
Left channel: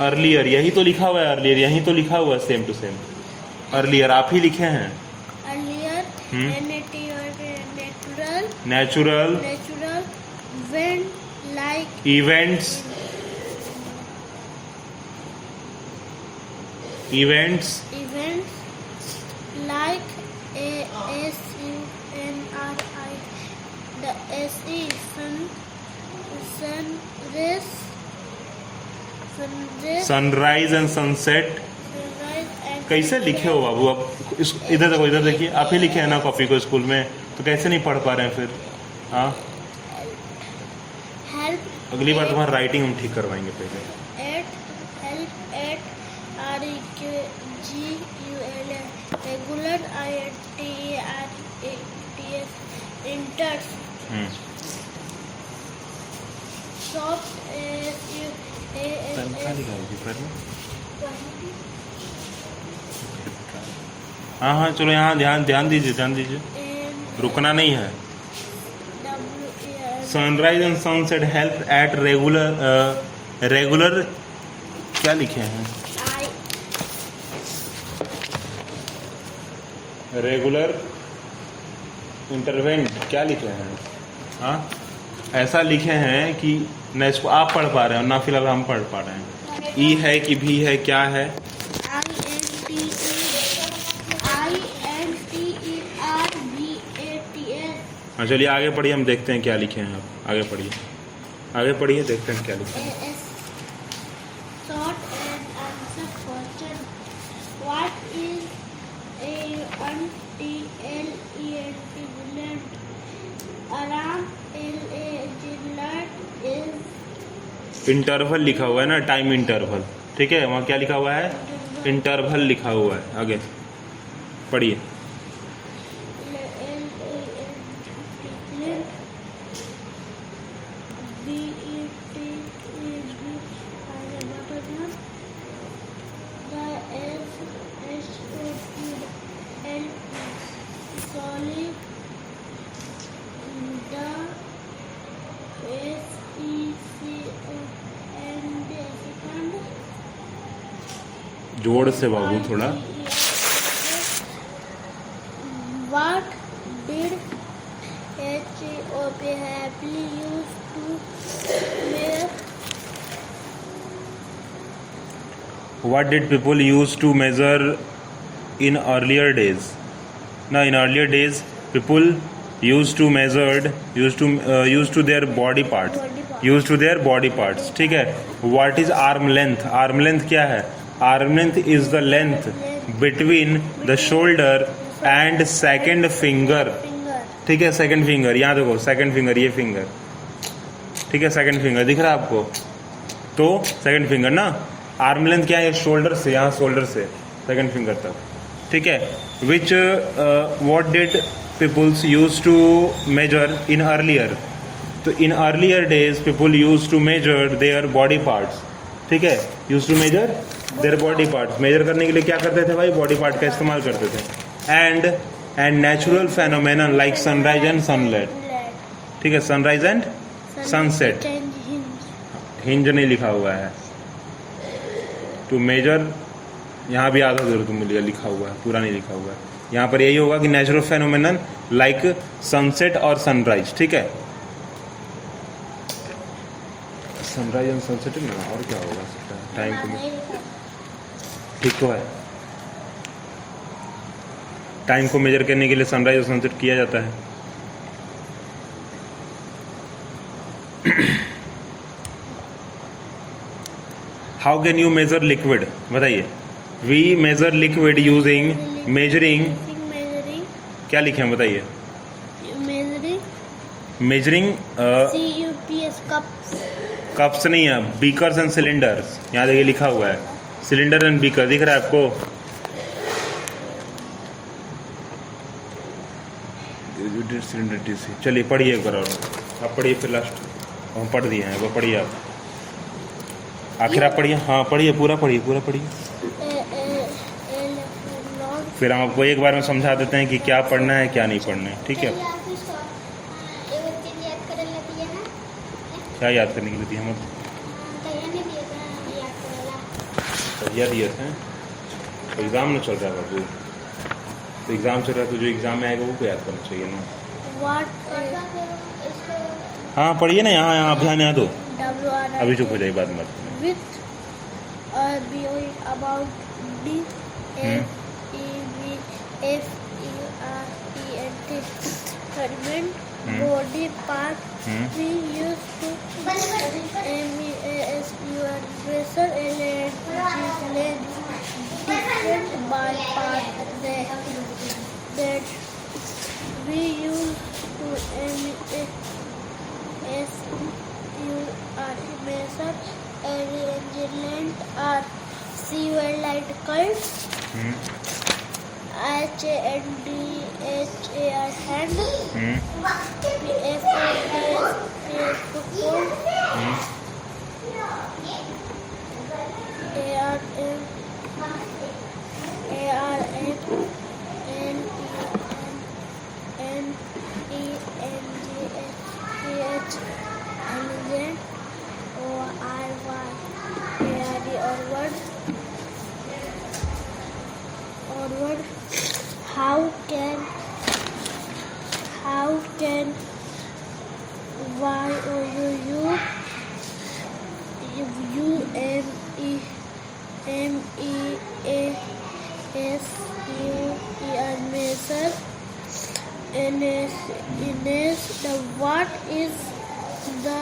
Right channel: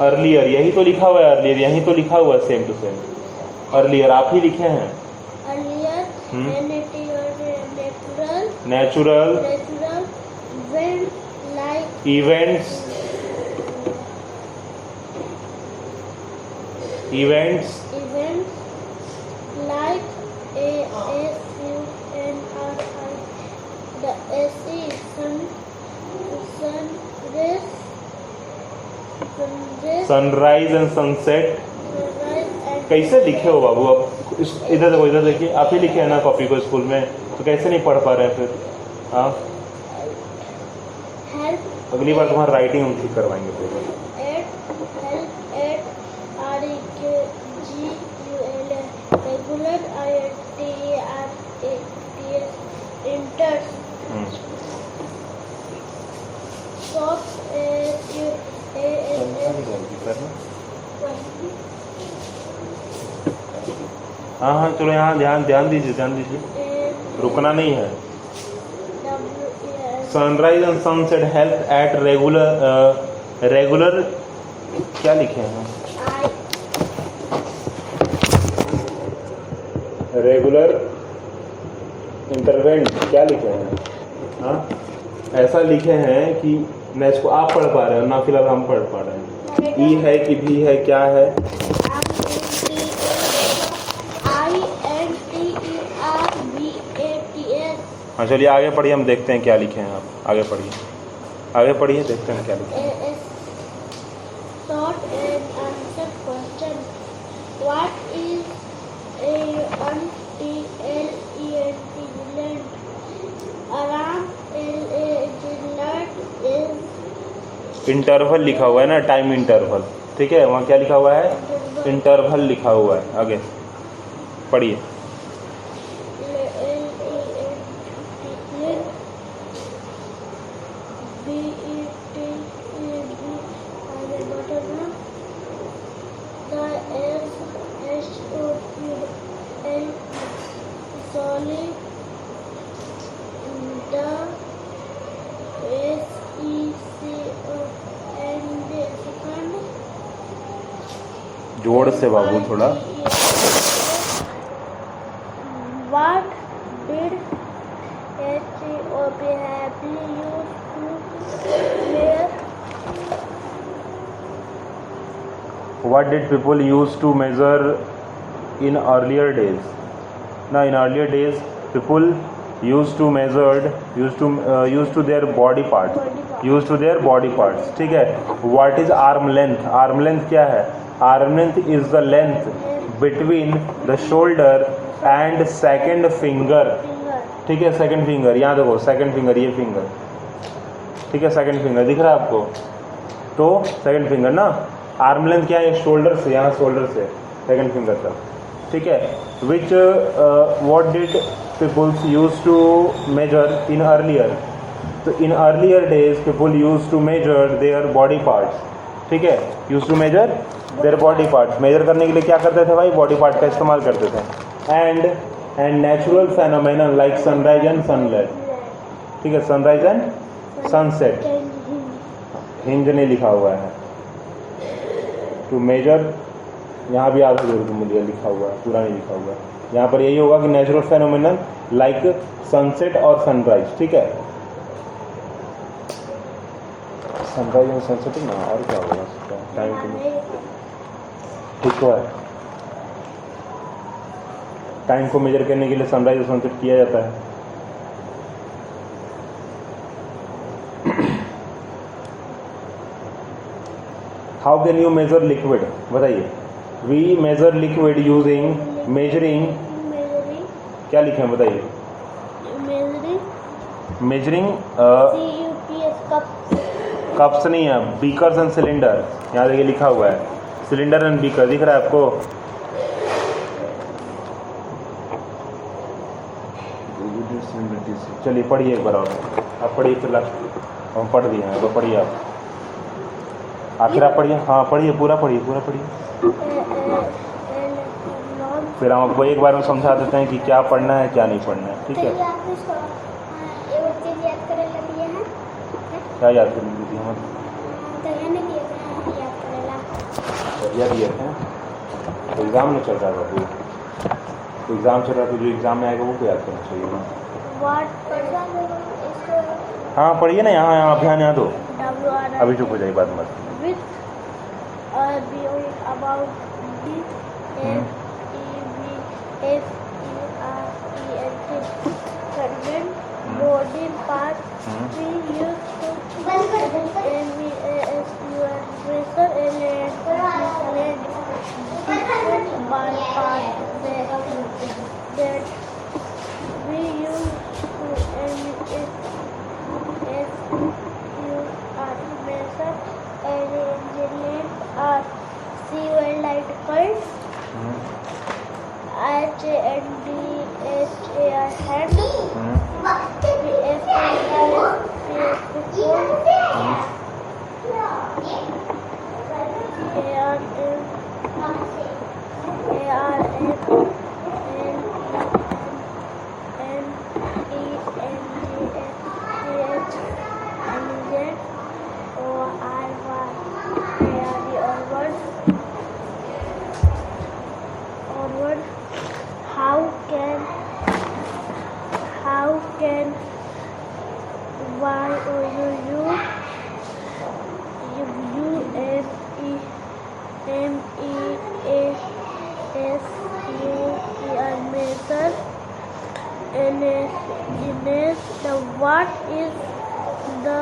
अर्लियर यही तो लिखा हुआ है, अर्लियर यही तो लिखा हुआ है, सेम टू सेम, अर्लियर आप ही लिखे हैं, Earlier. Natural. Natural Natural. When like events, events events like ASUNRI. The SE sun sunrise sunrise sunrise and sunset. sunrise and कैसे लिखे हो बाबू आप, इधर देखो, इधर देखिए, आप ही लिखे हैं ना कॉपी को स्कूल में, तो कैसे नहीं पढ़ पा रहे हैं फिर? हाँ, help अगली बार तुम्हारा राइटिंग हम ठीक करवाएंगे पहले। help at REGULAR regular INTERS enters stop हाँ हाँ चलो, यहाँ ध्यान ध्यान दीजिए, ध्यान दीजिए, रुकना नहीं है। Sunrise and sunset help at regular, regular क्या लिखे हैं, रेगुलर इंटरवेंट क्या लिखे हैं? हाँ, ऐसा लिखे हैं कि न इसको आप पढ़ पा रहे हो ना फिलहाल हम पढ़ पा रहे हैं। ई है कि भी है, क्या है? हाँ चलिए आगे पढ़िए, हम देखते हैं क्या लिखे हैं आप, आगे पढ़िए, आगे पढ़िए, देखते हैं क्या लिखे हैं। Short and answer question. What is a untilant? Around is interval लिखा हुआ है ना, टाइम इंटरवल, ठीक है, वहाँ क्या लिखा हुआ है, इंटरवल लिखा हुआ है। आगे पढ़िए, जोर से बाबू थोड़ा। What did HOP happily used to wear? What did people used to measure in earlier days? Now in earlier days people used to measured, used to their body parts, used to their body parts, ठीक है। What is arm length? Arm length क्या है? Arm length is the length between the shoulder and second finger, ठीक है, second finger, यहाँ देखो second finger, ये finger, ठीक है, सेकंड फिंगर दिख रहा है आपको, तो सेकंड फिंगर ना, आर्म लेंथ क्या है, शोल्डर से, यहाँ शोल्डर से सेकंड फिंगर तक, ठीक है। Which what did peoples use to measure in earlier? तो in earlier days people use to measure their body parts, ठीक है, use to measure their body parts. Measure करने के लिए क्या करते थे भाई, बॉडी पार्ट का इस्तेमाल करते थे। And natural phenomenon like sunrise and sunset, ठीक है, सनराइज एंड सनसेट, हिंज नहीं लिखा हुआ है, टू मेजर यहाँ भी आधा जरूर तुम लिखा हुआ है, पूरा नहीं लिखा हुआ है। यहाँ पर यही होगा कि नेचुरल फेनोमेनन लाइक सनसेट और सनराइज, ठीक है, सनराइज एंड सनसेट ना, और क्या होगा टाइम को, ठीक तो है, टाइम को मेजर करने के लिए सनराइज और सनसेट किया जाता है। How can you measure liquid? बताइए। We measure liquid using measuring, क्या लिखे हैं बताइए। Measuring measuring cups. कप्स नहीं है, बीकर्स एंड सिलेंडर्स। यहाँ देखिए लिखा हुआ है सिलेंडर एंड बीकर, दिख रहा है आपको? चलिए पढ़िए एक बार और, आप पढ़िए फिर लास्ट हम पढ़ दिए हैं, वो पढ़िए आप आखिर आप पढ़िए, हाँ पढ़िए पूरा पढ़िए, पूरा पढ़िए, फिर हम आपको एक बार में समझा देते हैं कि क्या पढ़ना है क्या नहीं पढ़ना है, ठीक है? क्या याद करने के लिए दिए हम? बढ़िया दिया है, एग्ज़ाम में चल रहा है बाबू, तो एग्ज़ाम चल रहा है तो जो एग्ज़ाम में आएगा वो को याद करना चाहिए ना। हाँ पढ़िए ना, यहाँ यहाँ ध्यान यहाँ दो, अभी चुप हो जाइए, बात मत body part we use to pressure and by part that we use to measure and are fuel light curves. hand. How can measure what is the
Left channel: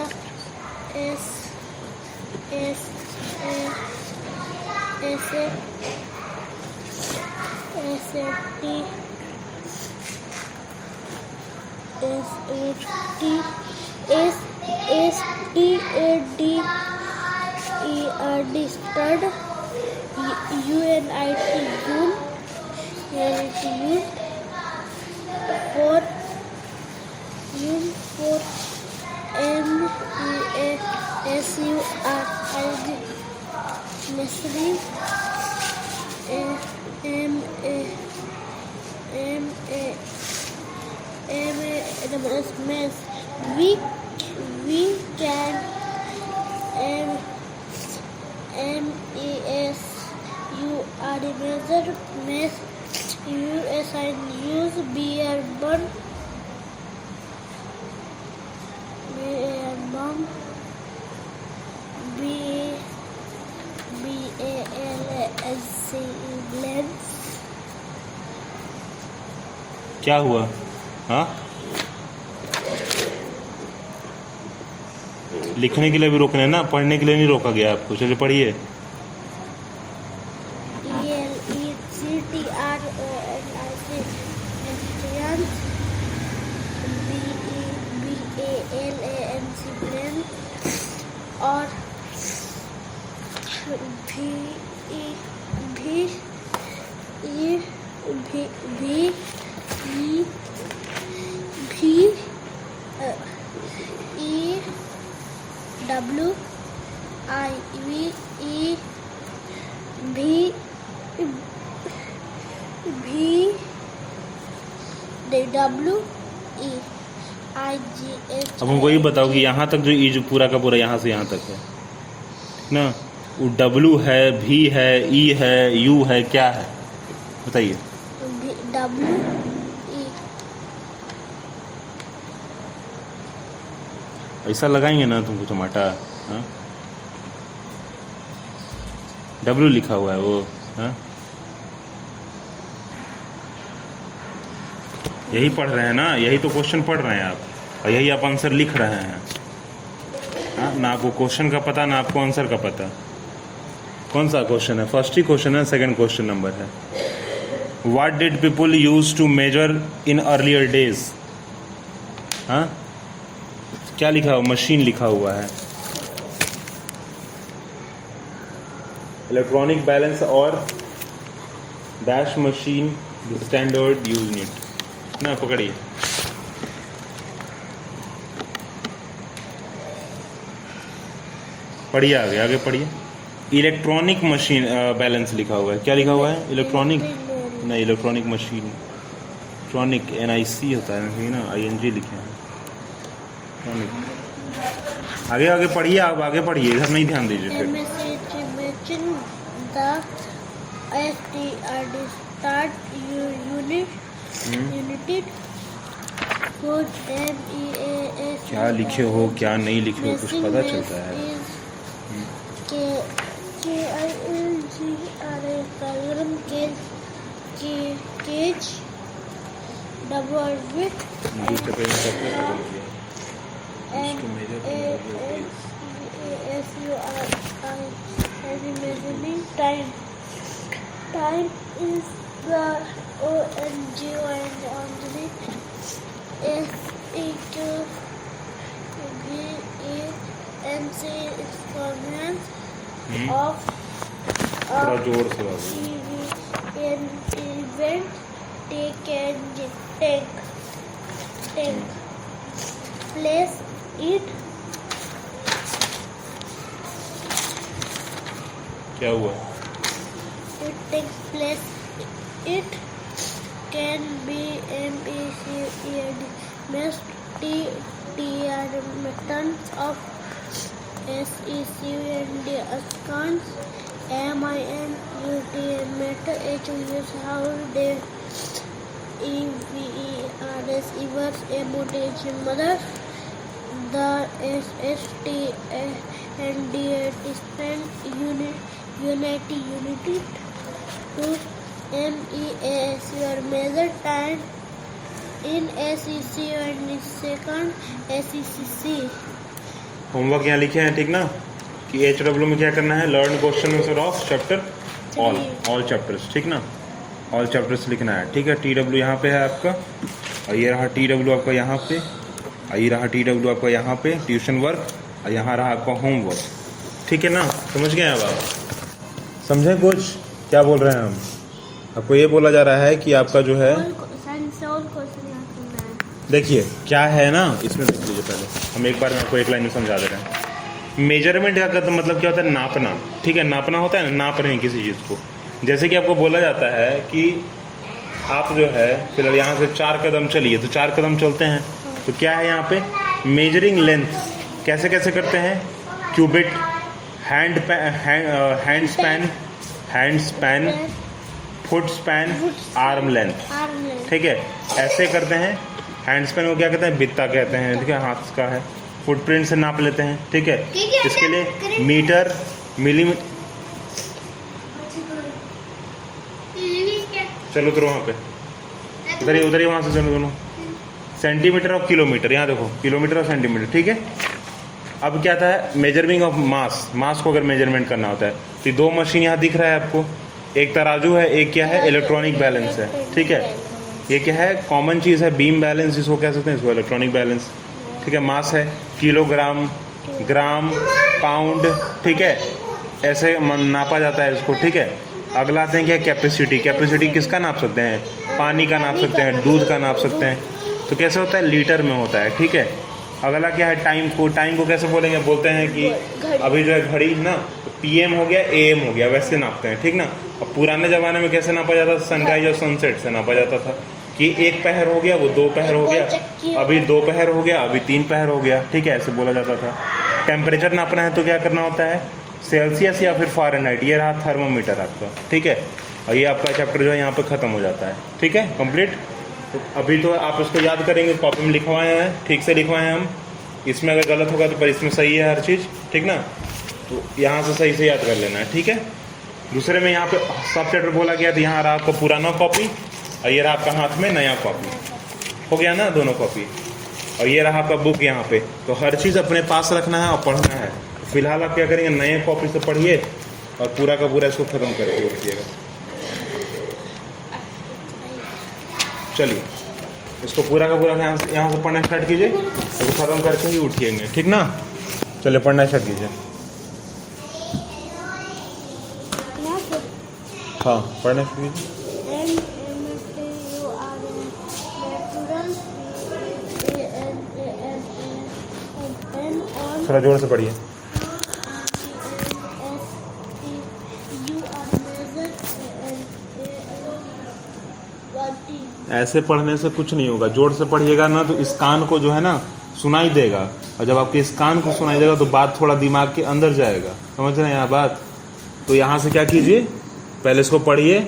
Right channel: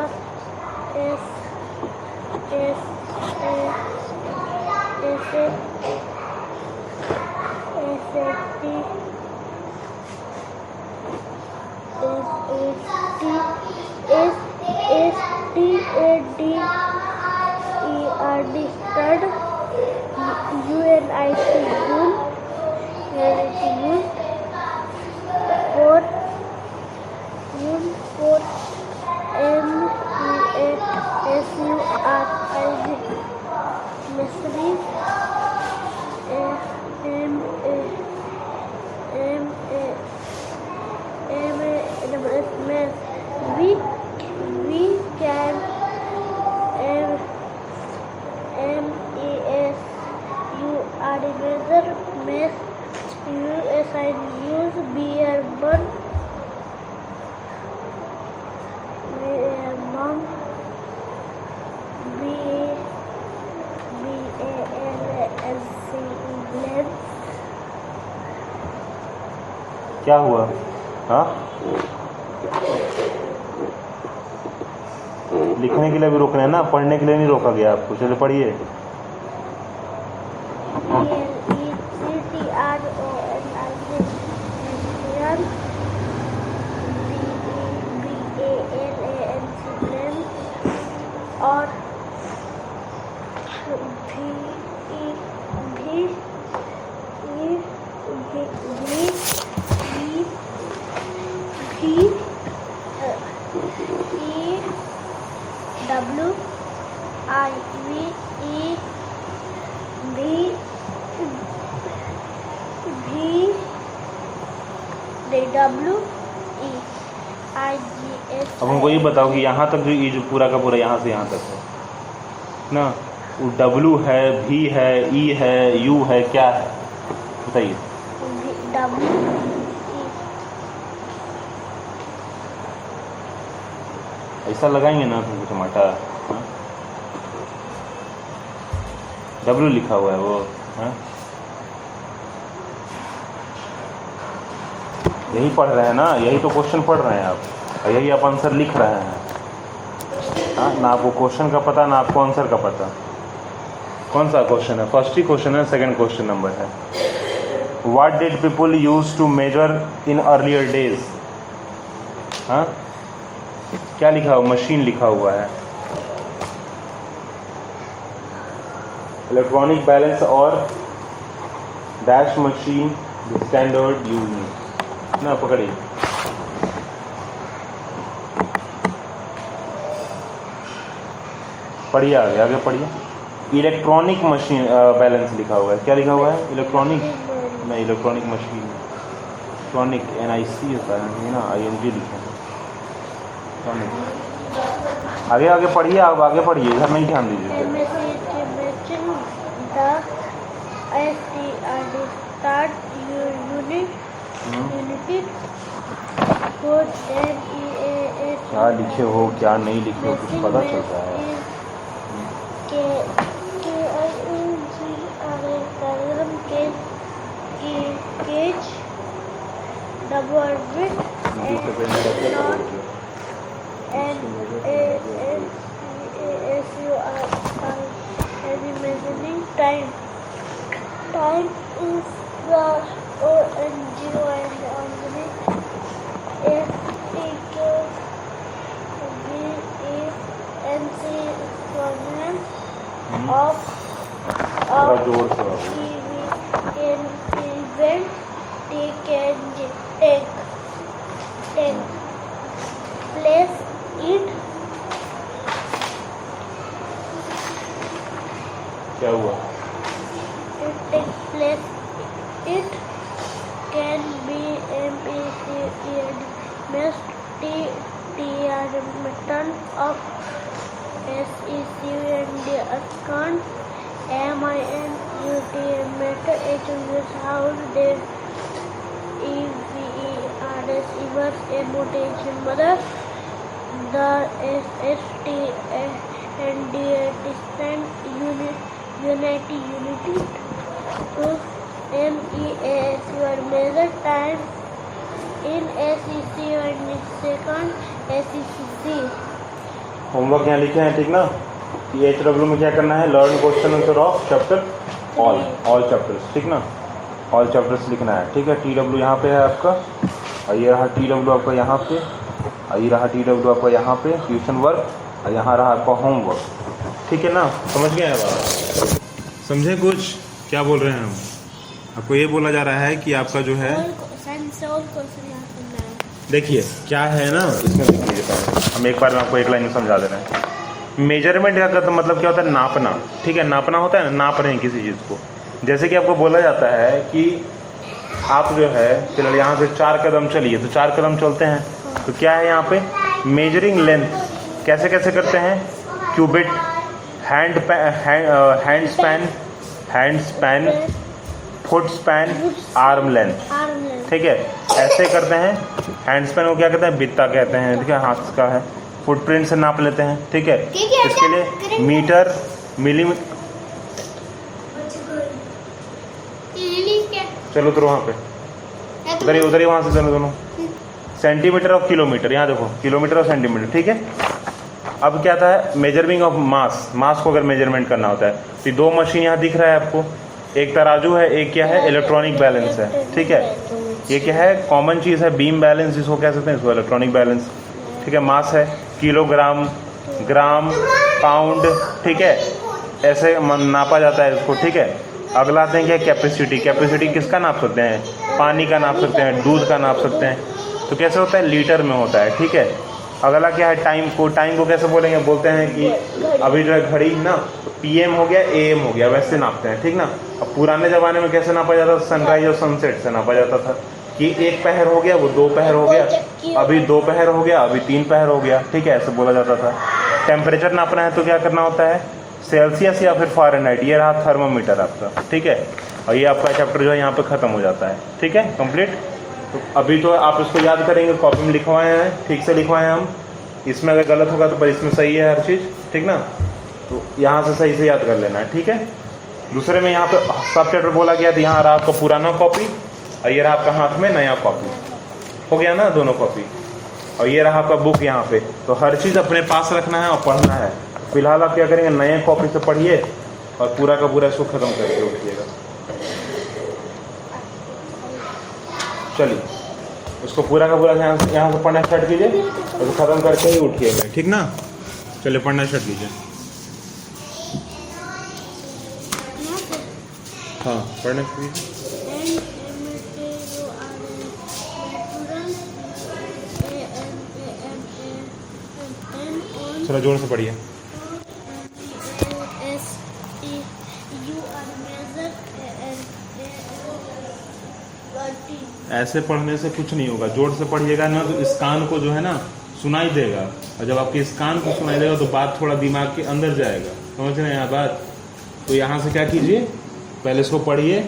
we can use beer bun क्या हुआ? हाँ लिखने के लिए भी रोकना है ना, पढ़ने के लिए नहीं रोका गया आपको। चलो पढ़िए। और अब हमको ये बताओ कि यहाँ तक जो ये जो पूरा का पूरा यहाँ से यहाँ तक है ना, वो W है, V है, E है, U है, क्या है बताइए? ऐसा लगाएंगे ना तुमको टमाटर। हाँ W लिखा हुआ है वो। हाँ यही पढ़ रहे हैं ना, यही तो क्वेश्चन पढ़ रहे हैं आप, और यही आप आंसर लिख रहे हैं। हाँ ना आपको क्वेश्चन का पता ना आपको आंसर का पता। कौन सा क्वेश्चन है? फर्स्ट ही क्वेश्चन है, सेकंड क्वेश्चन नंबर है। What did people use to measure in earlier days? हाँ क्या लिखा हुआ, मशीन लिखा हुआ है। इलेक्ट्रॉनिक बैलेंस और डैश मशीन स्टैंडर्ड यूनिट ना, पकड़िए। पढ़िए आगे, आगे पढ़िए। इलेक्ट्रॉनिक मशीन बैलेंस लिखा हुआ है, क्या लिखा हुआ है, इलेक्ट्रॉनिक नहीं, इलेक्ट्रॉनिक मशीन, इलेक्ट्रॉनिक NIC होता है ना, ING लिखे हैं इलेक्ट्रॉनिक। आगे आगे पढ़िए, आप आगे पढ़िए, इधर नहीं ध्यान दीजिए। क्या लिखे हो क्या नहीं लिखे हो कुछ पता चलता है। Time is the ONGO and only SEQVENC exponent of थोड़ा जोर से event T can take place it क्या हुआ, takes place it can be MPCED must TR methods of SECUND accounts MINUT method HUS how they EVERS inverse emotage mother the SST and distant unity to MEAS your measure time in SEC and second SECC। Homework यहाँ लिखे हैं ठीक ना, कि HW में क्या करना है, learn question answer of chapter all chapters, ठीक ना, ऑल चैप्टर्स लिखना है, ठीक है। TW यहाँ पे है आपका, और ये रहा TW आपका यहाँ पे, और ये रहा TW आपका यहाँ पे ट्यूशन वर्क, और यहाँ रहा आपका होमवर्क, ठीक है ना, समझ गए हैं बात, समझे कुछ क्या बोल रहे हैं हम। आपको ये बोला जा रहा है कि आपका जो है, देखिए क्या है ना, इसमें देख लीजिए पहले, हम एक बार में आपको एक लाइन में समझा दे रहे हैं। मेजरमेंट का मतलब क्या होता है, नापना, ठीक है, नापना होता है ना, नाप रहे हैं किसी चीज़ को। जैसे कि आपको बोला जाता है कि आप जो है फिलहाल यहाँ से 4 कदम चलिए, तो 4 कदम चलते हैं, तो क्या है यहाँ पे मेजरिंग लेंथ, कैसे कैसे करते हैं, cubit, hand span, foot span, arm length, ठीक है, ऐसे करते हैं। हैंड स्पैन को क्या कहते हैं, बित्ता कहते हैं, ठीक है, हाथ का है। फुटप्रिंट से नाप लेते हैं, ठीक है, इसके लिए मीटर, मिलीमीटर, चलो तो वहाँ पे उधर ही वहाँ से चलो दोनों, सेंटीमीटर और किलोमीटर, यहाँ देखो किलोमीटर और सेंटीमीटर, ठीक है। अब क्या था, मेजरिंग ऑफ मास को अगर मेजरमेंट करना होता है, तो ये 2 मशीन यहाँ दिख रहा है आपको, एक तराजू है, एक क्या है, इलेक्ट्रॉनिक बैलेंस है, ठीक है। ये क्या है, कॉमन चीज़ है, बीम बैलेंस जिसको कह सकते हैं, इसको इलेक्ट्रॉनिक बैलेंस, ठीक है। मास है किलोग्राम, ग्राम, पाउंड, ठीक है, ऐसे नापा जाता है इसको, ठीक है। अगला आते हैं क्या, कैपेसिटी। कैपेसिटी किसका नाप सकते हैं, पानी का नाप सकते हैं, दूध का नाप सकते हैं, तो कैसे होता है, लीटर में होता है, ठीक है। अगला क्या है, टाइम को कैसे बोलेंगे, बोलते हैं कि अभी जो है घड़ी ना, PM हो गया, AM हो गया, वैसे नापते हैं, ठीक ना। अब पुराने ज़माने में कैसे नापा जाता था, सनराइज और सनसेट से नापा जाता था, कि 1 पहर हो गया, वो 2 पहर हो गया, अभी 2 पहर हो गया, अभी 3 पहर हो गया, ठीक है, ऐसे बोला जाता था। टेम्परेचर नापना है तो क्या करना होता है, सेल्सियस या फिर फ़ारेनहाइट, ये रहा थर्मोमीटर आपका, ठीक है। और ये आपका चैप्टर जो है यहाँ पे ख़त्म हो जाता है, ठीक है, कंप्लीट। तो अभी तो आप इसको याद करेंगे, कॉपी में लिखवाए हैं, ठीक से लिखवाए हैं हम, इसमें अगर गलत होगा तो पर इसमें सही है हर चीज़, ठीक ना, तो यहाँ से सही से याद कर लेना है, ठीक है। दूसरे में यहाँ पे सब चैप्टर बोला गया, तो यहाँ रहा आपका पुराना कॉपी, और ये रहा आपका हाथ में नया कॉपी, हो गया ना, दोनों कॉपी, और ये रहा आपका बुक यहाँ पे। तो हर चीज़ अपने पास रखना है और पढ़ना है। फिलहाल आप क्या करेंगे, नए कॉपी से पढ़िए और पूरा का पूरा इसको ख़त्म करके रखिएगा। चलिए। इसको पूरा का पूरा यहाँ से पढ़ना स्टार्ट कीजिए, तो खत्म करके ही उठिए मैं, ठीक ना। चलिए पढ़ना स्टार्ट कीजिए। यहाँ से हाँ पढ़ना शुरू कीजिए। थोड़ा जोर से पढ़िए। ऐसे पढ़ने से कुछ नहीं होगा, जोर से पढ़िएगा ना तो इस कान को जो है ना सुनाई देगा, और जब आपके इस कान को सुनाई देगा तो बात थोड़ा दिमाग के अंदर जाएगा, समझ रहे हैं यहाँ बात। तो यहाँ से क्या कीजिए, पहले इसको पढ़िए,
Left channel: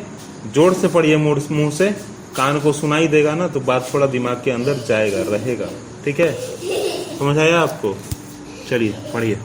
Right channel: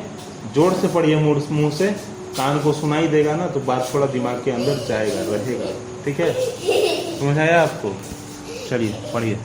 जोर से पढ़िए, मुंह से, कान को सुनाई देगा ना तो बात थोड़ा दिमाग के अंदर जाएगा, रहेगा, ठीक है। समझ आया आपको? चलिए पढ़िए।